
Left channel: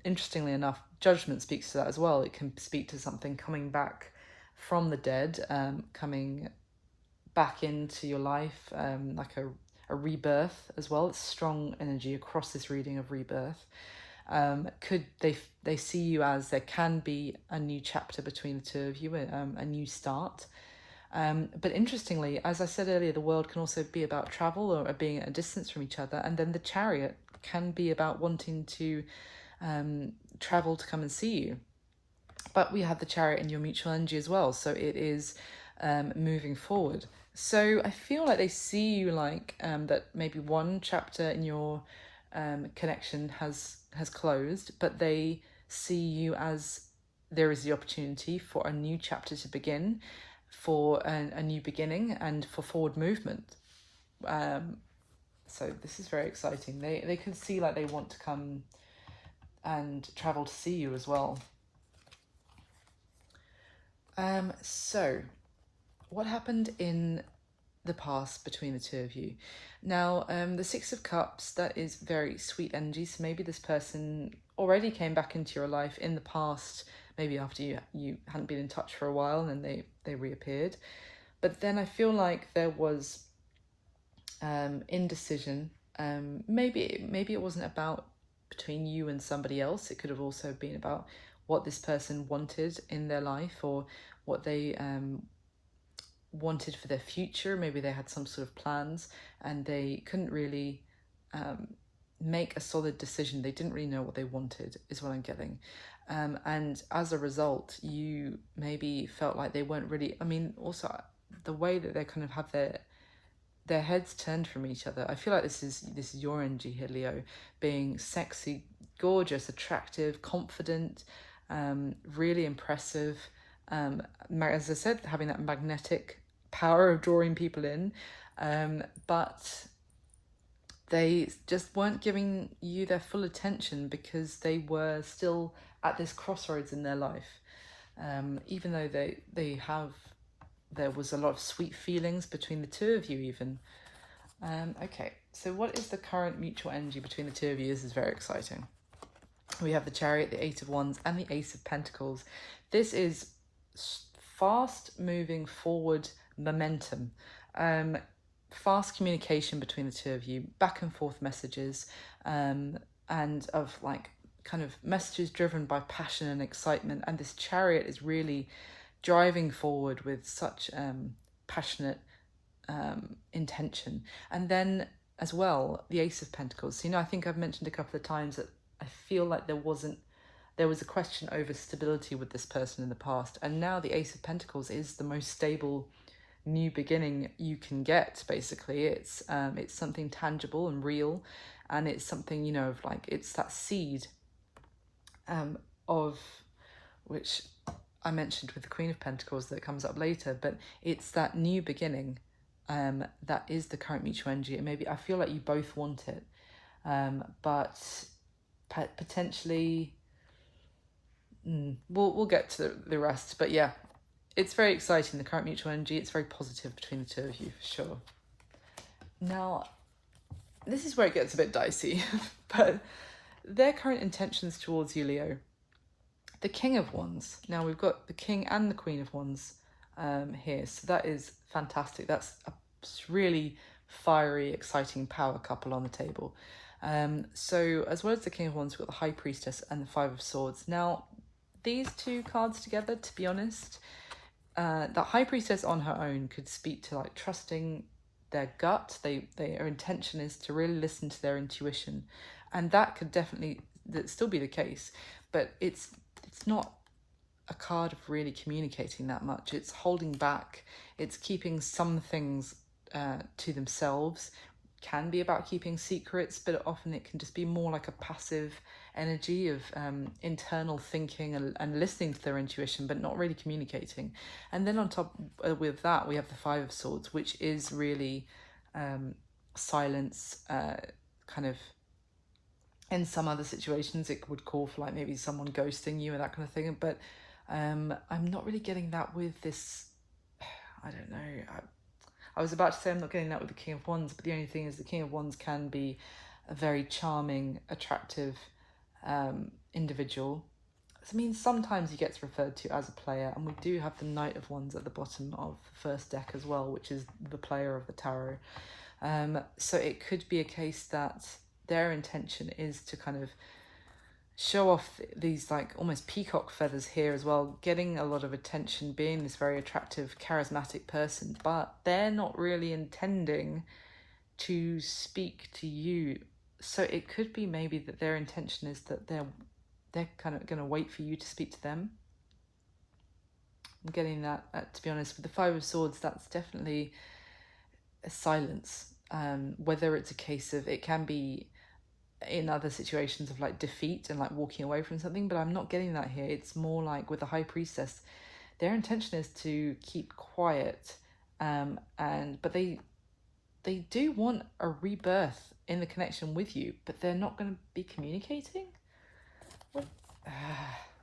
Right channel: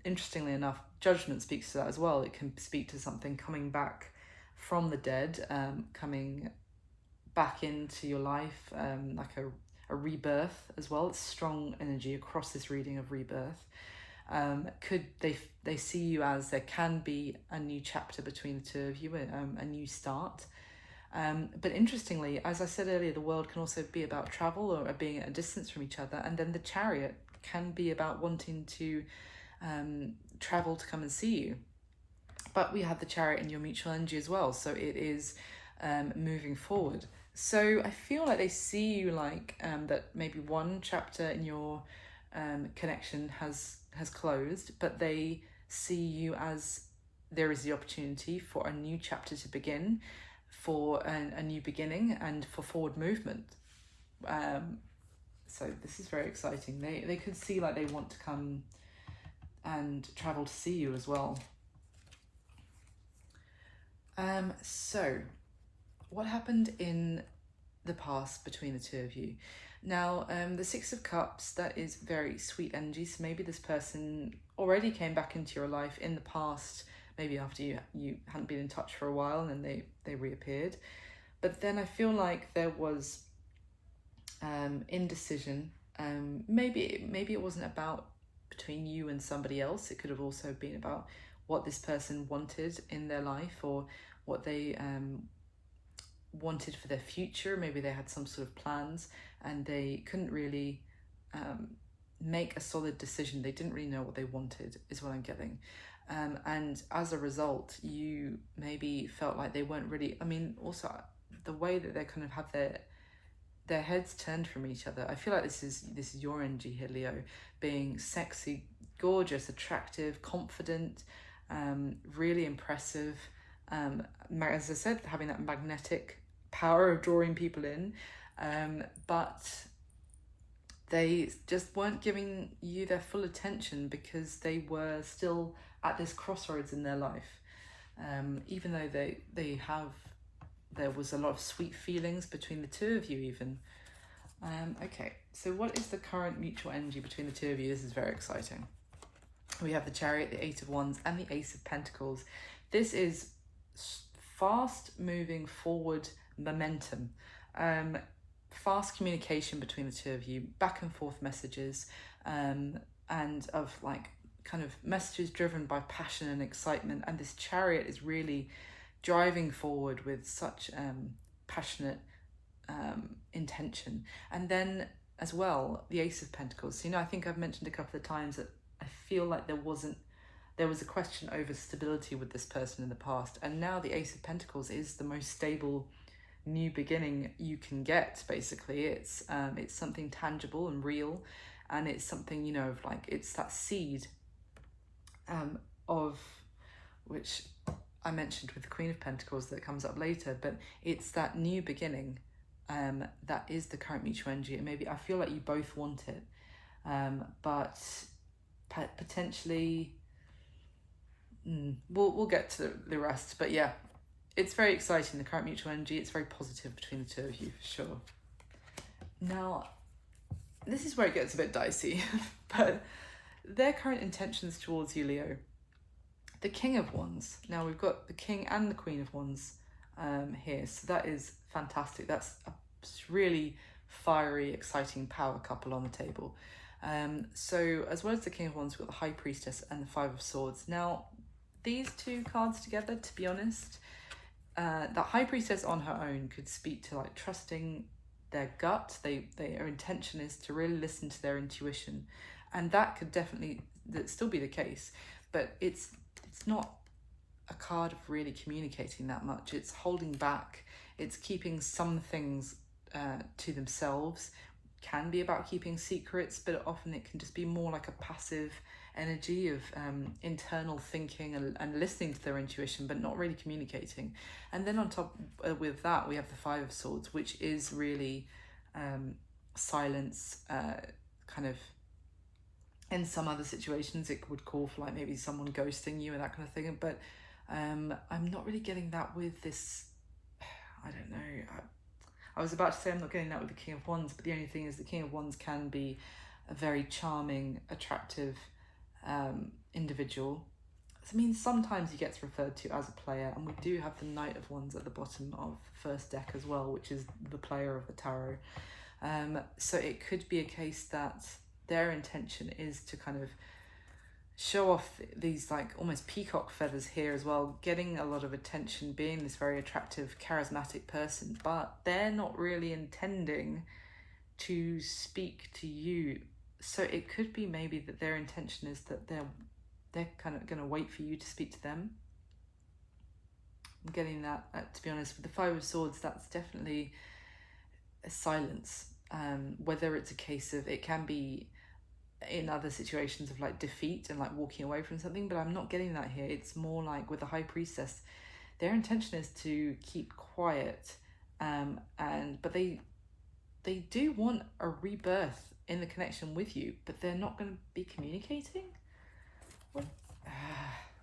interestingly enough, Judgment speaks to that as well. It can speak to something coming back from the dead, coming back into your life, like a rebirth as well. It's strong energy across this reading of rebirth. Could they see you as there can be a new chapter between the two of you, a new start. But interestingly, as I said earlier, the World can also be about travel or being at a distance from each other, and then the Chariot can be about wanting to travel to come and see you. But we have the Chariot in your mutual energy as well, so it is moving forward. So I feel like they see you like that maybe one chapter in your connection has closed, but they see you as there is the opportunity for a new chapter to begin, for a new beginning, and for forward movement. So this is very exciting. They could see like they want to come and travel to see you as well. So what happened in the past between the two of you? Now, the Six of Cups, that is very sweet energy. So maybe this person already came back into your life in the past, maybe after you hadn't been in touch for a while, and they reappeared. But then I feel like there was indecision. Maybe it wasn't about between you and somebody else. It could have also been about what this person wanted in their life, or what they wanted for their future. Maybe they had some sort of plans and they couldn't really make a solid decision. They didn't really know what they wanted, is what I'm getting. And as a result, you maybe felt like they weren't really, I mean, also the way that they kind of have their heads turned from each other. I feel like this is your energy here, Leo, being sexy, gorgeous, attractive, confident, really impressive. As I said, having that magnetic power of drawing people in, but they just weren't giving you their full attention because they were still at this crossroads in their life. Even though there was a lot of sweet feelings between the two of you even. Okay, so what is the current mutual energy between the two of you? This is very exciting. We have the Chariot, the Eight of Wands, and the Ace of Pentacles. This is fast moving forward momentum, fast communication between the two of you, back and forth messages, and of like kind of messages driven by passion and excitement. And this Chariot is really driving forward with such passionate intention. And then as well, the Ace of Pentacles. So, I think I've mentioned a couple of times that I feel like there was a question over stability with this person in the past, and now the Ace of Pentacles is the most stable new beginning you can get. Basically, it's something tangible and real, and it's something of like, it's that seed of which I mentioned with the Queen of Pentacles that comes up later, but it's that new beginning that is the current mutual energy. And maybe I feel like you both want it, but potentially we'll get to the rest. But yeah, it's very exciting, the current mutual energy. It's very positive between the two of you, for sure. Now, this is where it gets a bit dicey, but their current intentions towards you, Leo, the King of Wands. Now we've got the King and the Queen of Wands here, so that is fantastic. That's a really fiery, exciting power couple on the table. So as well as the King of Wands, we've got the High Priestess and the Five of Swords. Now these two cards together, to be honest, the High Priestess on her own could speak to like trusting their gut. Their intention is to really listen to their intuition, and that could definitely still be the case, but it's not a card of really communicating that much. It's holding back, it's keeping some things to themselves. Can be about keeping secrets, but often it can just be more like a passive energy of internal thinking and listening to their intuition, but not really communicating. And then on top with that, we have the Five of Swords, which is really silence, kind of. In some other situations, it would call for like maybe someone ghosting you and that kind of thing. But I'm not really getting that with this. I don't know. I was about to say I'm not getting that with the King of Wands, but the only thing is the King of Wands can be a very charming, attractive individual. I mean, sometimes he gets referred to as a player, and we do have the Knight of Wands at the bottom of the first deck as well, which is the player of the tarot. So it could be a case that their intention is to kind of show off these like almost peacock feathers here as well, getting a lot of attention, being this very attractive, charismatic person, but they're not really intending to speak to you. So it could be maybe that their intention is that they're kind of going to wait for you to speak to them. I'm getting that, to be honest. With the Five of Swords, that's definitely a silence. Whether it's a case of, it can be in other situations of like defeat and like walking away from something, but I'm not getting that here. It's more like with the High Priestess, their intention is to keep quiet, but they do want a rebirth in the connection with you, but they're not going to be communicating.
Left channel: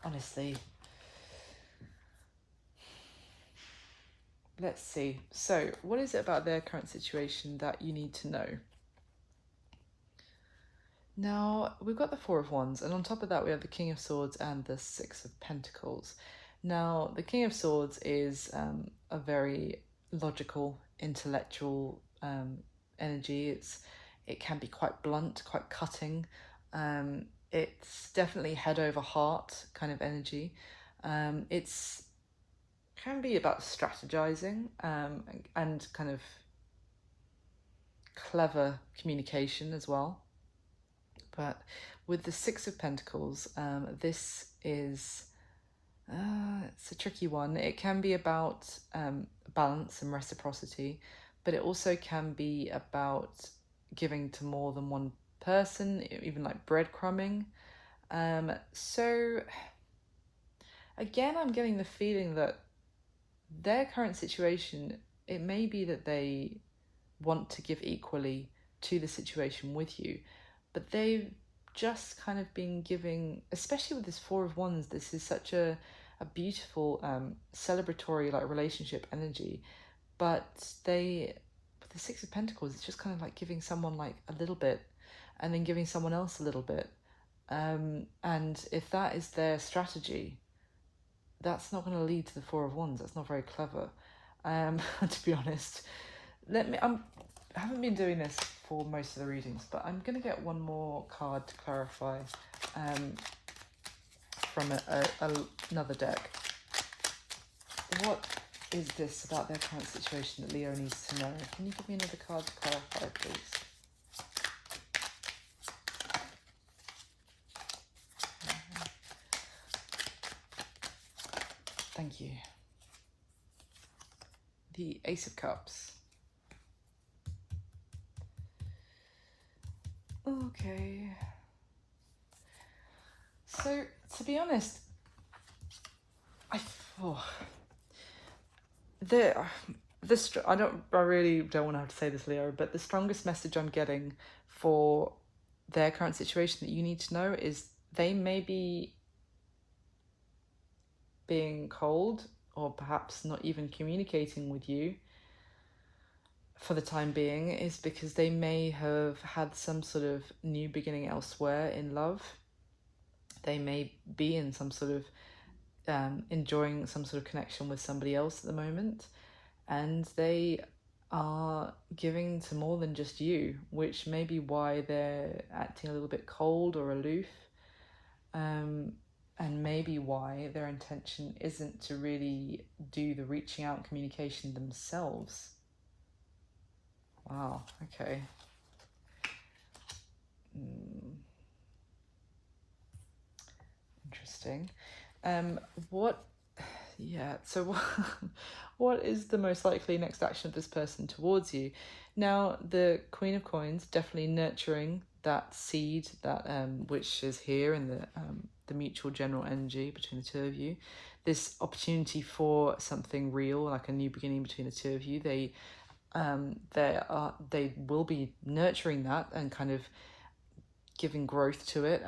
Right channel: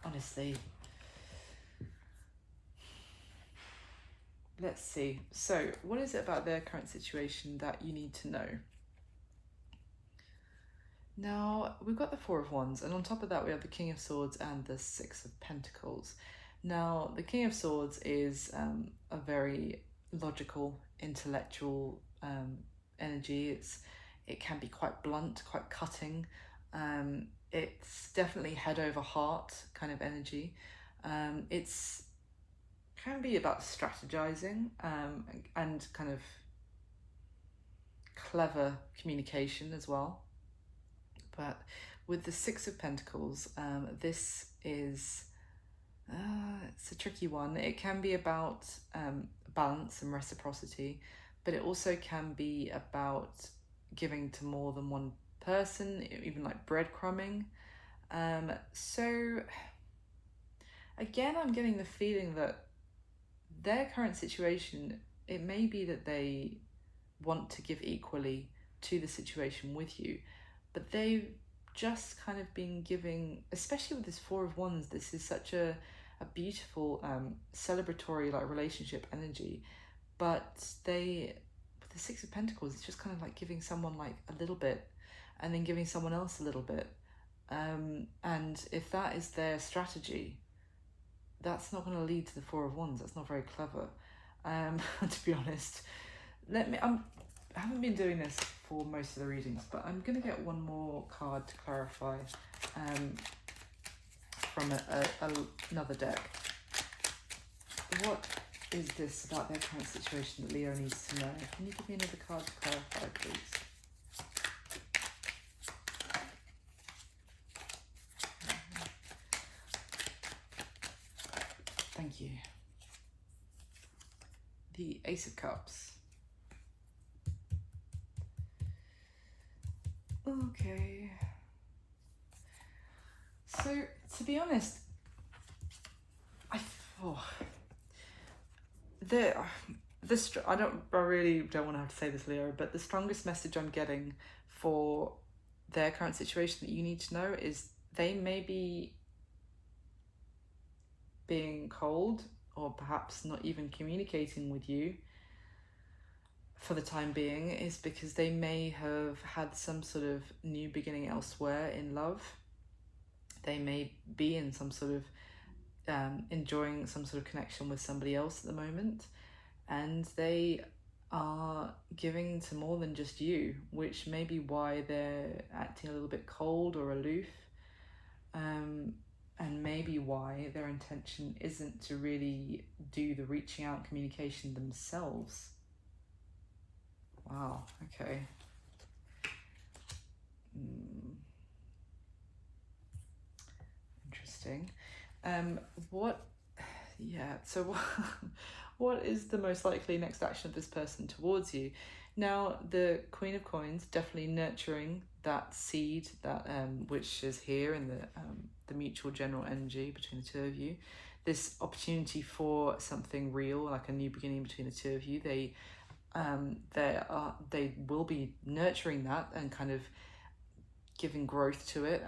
Honestly, let's see. So what is it about their current situation that you need to know? Now, we've got the Four of Wands, and on top of that we have the King of Swords and the Six of Pentacles. Now, the King of Swords is a very logical, intellectual energy. It can be quite blunt, quite cutting. It's definitely head over heart kind of energy. It's can be about strategizing and kind of clever communication as well. But with the Six of Pentacles, this is, it's a tricky one. It can be about balance and reciprocity, but it also can be about giving to more than one person, even like breadcrumbing. So again, I'm getting the feeling that their current situation, it may be that they want to give equally to the situation with you, but they've just kind of been giving, especially with this Four of Wands, this is such a beautiful celebratory like relationship energy, but with the Six of Pentacles, it's just kind of like giving someone like a little bit and then giving someone else a little bit, and if that is their strategy, that's not going to lead to the Four of Wands. That's not very clever, to be honest. I haven't been doing this for most of the readings, but I'm going to get one more card to clarify from another deck. What is this about their current situation that Leo needs to know? Can you give me another card to clarify, please? Thank you. The Ace of Cups. Okay. So, to be honest, I really don't want to have to say this, Leo, but the strongest message I'm getting for their current situation that you need to know is they may be being cold or perhaps not even communicating with you for the time being, is because they may have had some sort of new beginning elsewhere in love. They may be in some sort of enjoying some sort of connection with somebody else at the moment, and they are giving to more than just you, which may be why they're acting a little bit cold or aloof, and maybe why their intention isn't to really do the reaching out communication themselves. Wow, okay. Interesting. So what is the most likely next action of this person towards you? Now, the Queen of Coins definitely nurturing that seed that which is here in the mutual general energy between the two of you. This opportunity for something real, like a new beginning between the two of you. They will be nurturing that and kind of giving growth to it,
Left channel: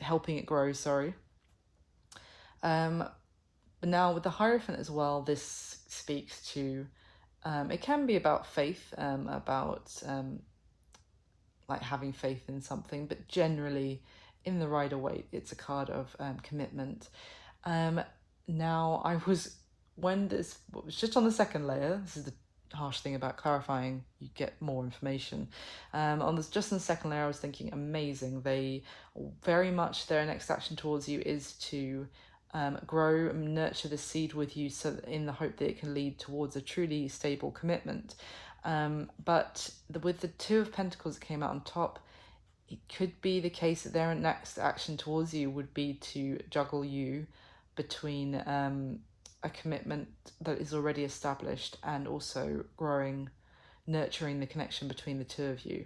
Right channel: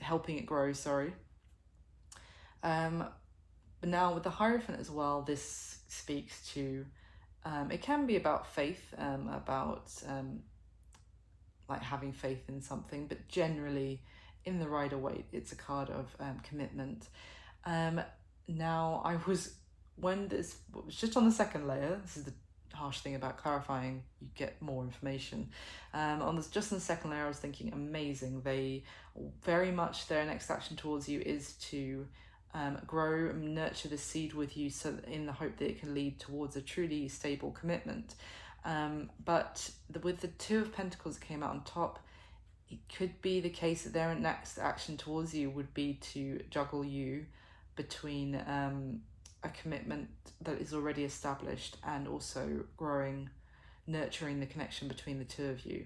helping it grow. Sorry. But now with the Hierophant as well, this speaks to, it can be about faith, about like having faith in something, but generally in the Rider-Waite, it's a card of commitment. Now when this was just on the second layer, this is the harsh thing about clarifying, you get more information. Just on the second layer, I was thinking amazing. They very much, their next action towards you is to grow and nurture the seed with you, so in the hope that it can lead towards a truly stable commitment. But with the Two of Pentacles that came out on top, it could be the case that their next action towards you would be to juggle you between a commitment that is already established and also nurturing the connection between the two of you.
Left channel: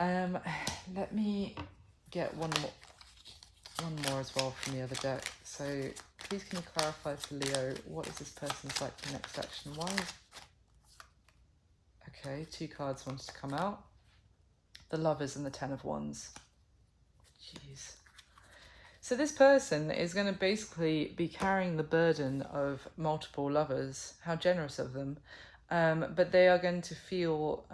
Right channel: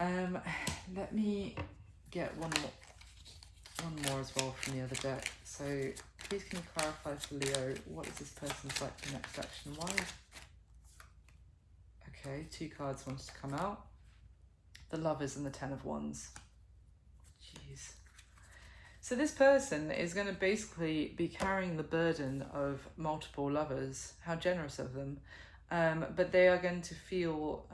Let me get one more as well from the other deck. So please can you clarify for Leo, what is this person's like next action? Why? Okay, 2 cards wanted to come out. The Lovers and the Ten of Wands. Jeez. So this person is going to basically be carrying the burden of multiple lovers. How generous of them. But they are going to feel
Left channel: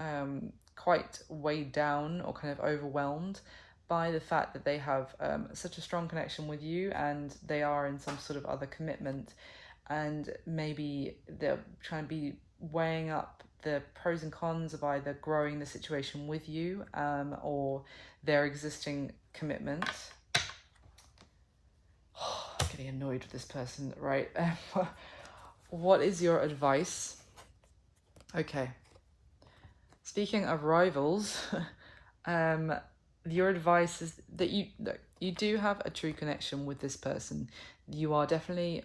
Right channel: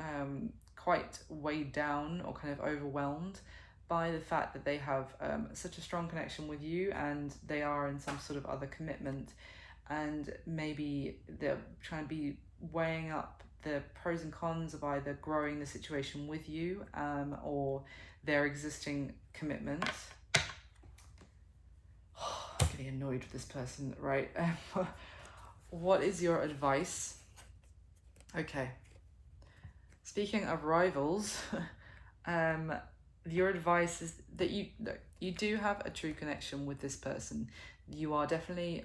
quite weighed down or kind of overwhelmed by the fact that they have such a strong connection with you, and they are in some sort of other commitment, and maybe they're trying to be weighing up the pros and cons of either growing the situation with you or their existing commitment. I'm getting annoyed with this person, right? What is your advice? Okay. Speaking of rivals, your advice is that you do have a true connection with this person. You are definitely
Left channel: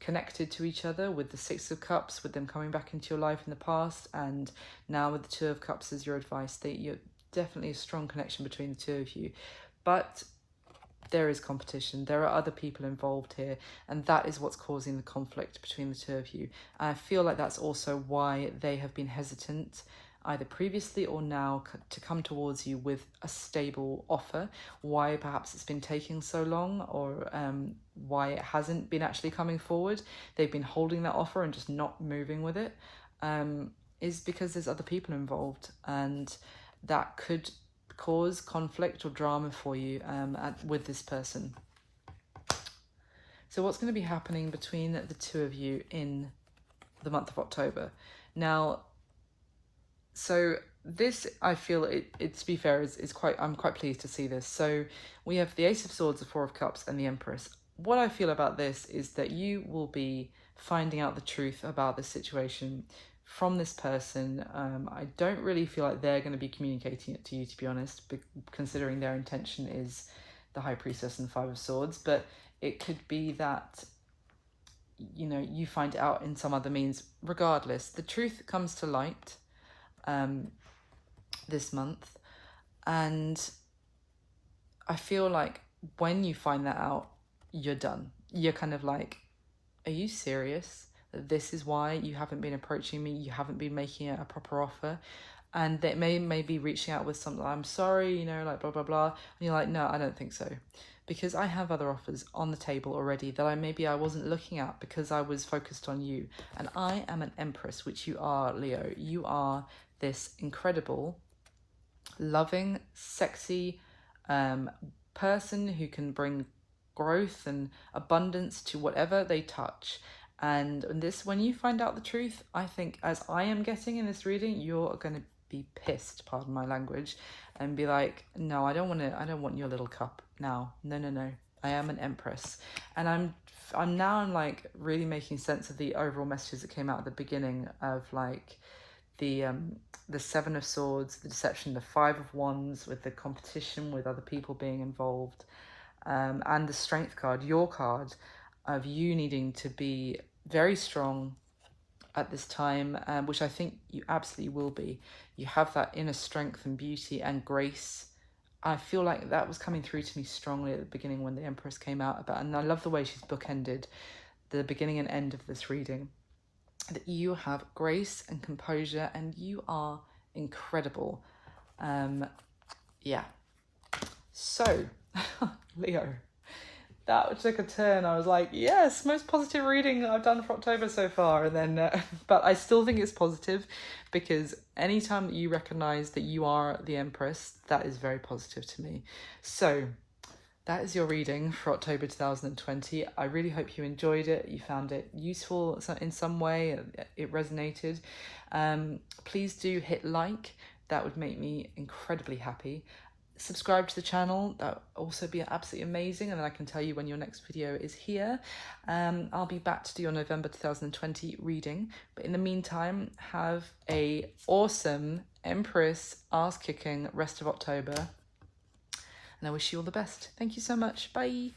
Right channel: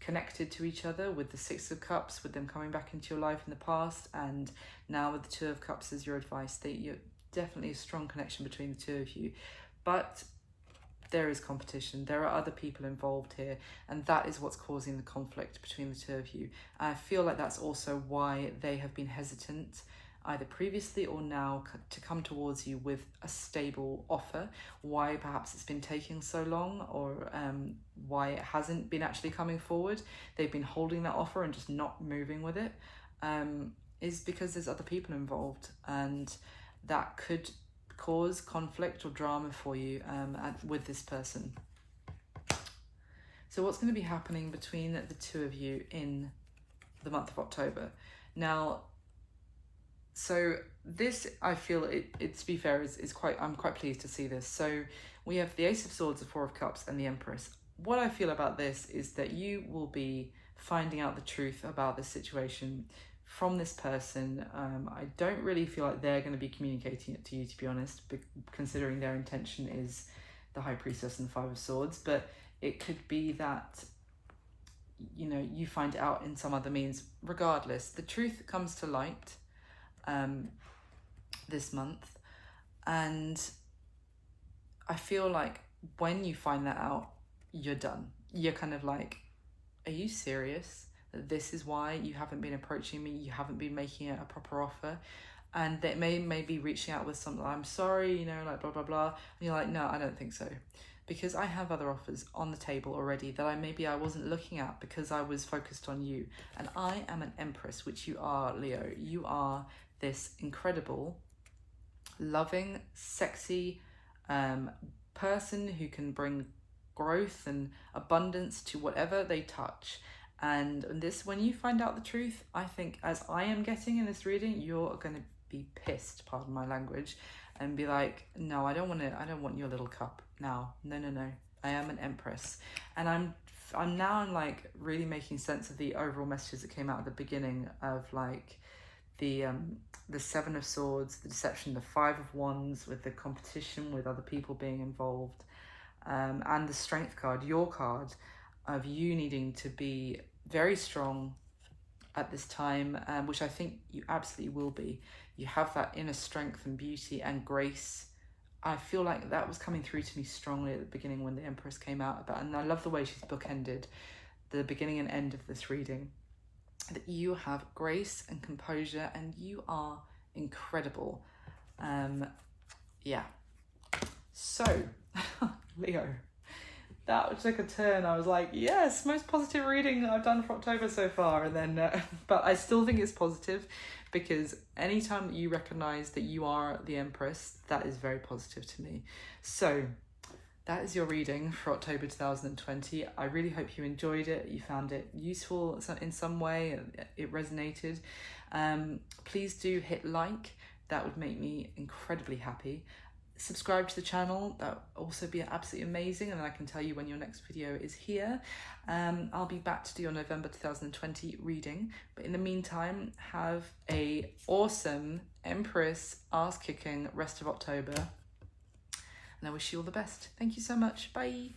connected to each other with the Six of Cups, with them coming back into your life in the past, and now with the Two of Cups as your advice. That you're definitely a strong connection between the two of you, but there is competition. There are other people involved here, and that is what's causing the conflict between the two of you. And I feel like that's also why they have been hesitant, either previously or now, to come towards you with a stable offer. Why perhaps it's been taking so long, or why it hasn't been actually coming forward. They've been holding that offer and just not moving with it, is because there's other people involved, and that could cause conflict or drama for you with this person. So what's going to be happening between the two of you in the month of October? Now, so this, I feel it to be fair, is quite, I'm quite pleased to see this. So we have the Ace of Swords, the Four of Cups, and the Empress. What I feel about this is that you will be finding out the truth about the situation from this person. I don't really feel like they're going to be communicating it to you, to be honest, considering their intention is the High Priestess and the Five of Swords. But it could be that, you know, you find it out in some other means. Regardless, the truth comes to light this month, and I feel like when you find that out, you're done. You're kind of like, are you serious? This is why you haven't been approaching me, you haven't been making a proper offer? And they may be reaching out with something like, I'm sorry, you know, like blah blah blah, and you're like, no, I don't think so, because I have other offers on the table already that I wasn't looking at because I was focused on you. And I am an Empress, which you are, Leo. You are this incredible, loving, sexy person who can bring growth and abundance to whatever they touch. And this, when you find out the truth, I think, as I am getting in this reading, you're going to be pissed, pardon my language, and be like, no, I don't want your little cup now. No. I am an empress. And I'm like really making sense of the overall messages that came out at the beginning of like the Seven of Swords, the deception, the Five of Wands with the competition with other people being involved, and the Strength card, your card, of you needing to be very strong at this time, which I think you absolutely will be. You have that inner strength and beauty and grace. I feel like that was coming through to me strongly at the beginning when the Empress came out about, and I love the way she's bookended the beginning and end of this reading. That you have grace and composure and you are incredible. Yeah. So, Leo, that took a turn. I was like, yes, most positive reading I've done for October so far. And then, but I still think it's positive because anytime that you recognize that you are the Empress, that is very positive to me. So that is your reading for October 2020. I really hope you enjoyed it. You found it useful in some way and it resonated. Please do hit like. That would make me incredibly happy. Subscribe to the channel, that would also be absolutely amazing, and then I can tell you when your next video is here. I'll be back to do your November 2020 reading, but in the meantime, have a awesome Empress ass-kicking rest of October, and I wish you all the best. Thank you so much. Bye.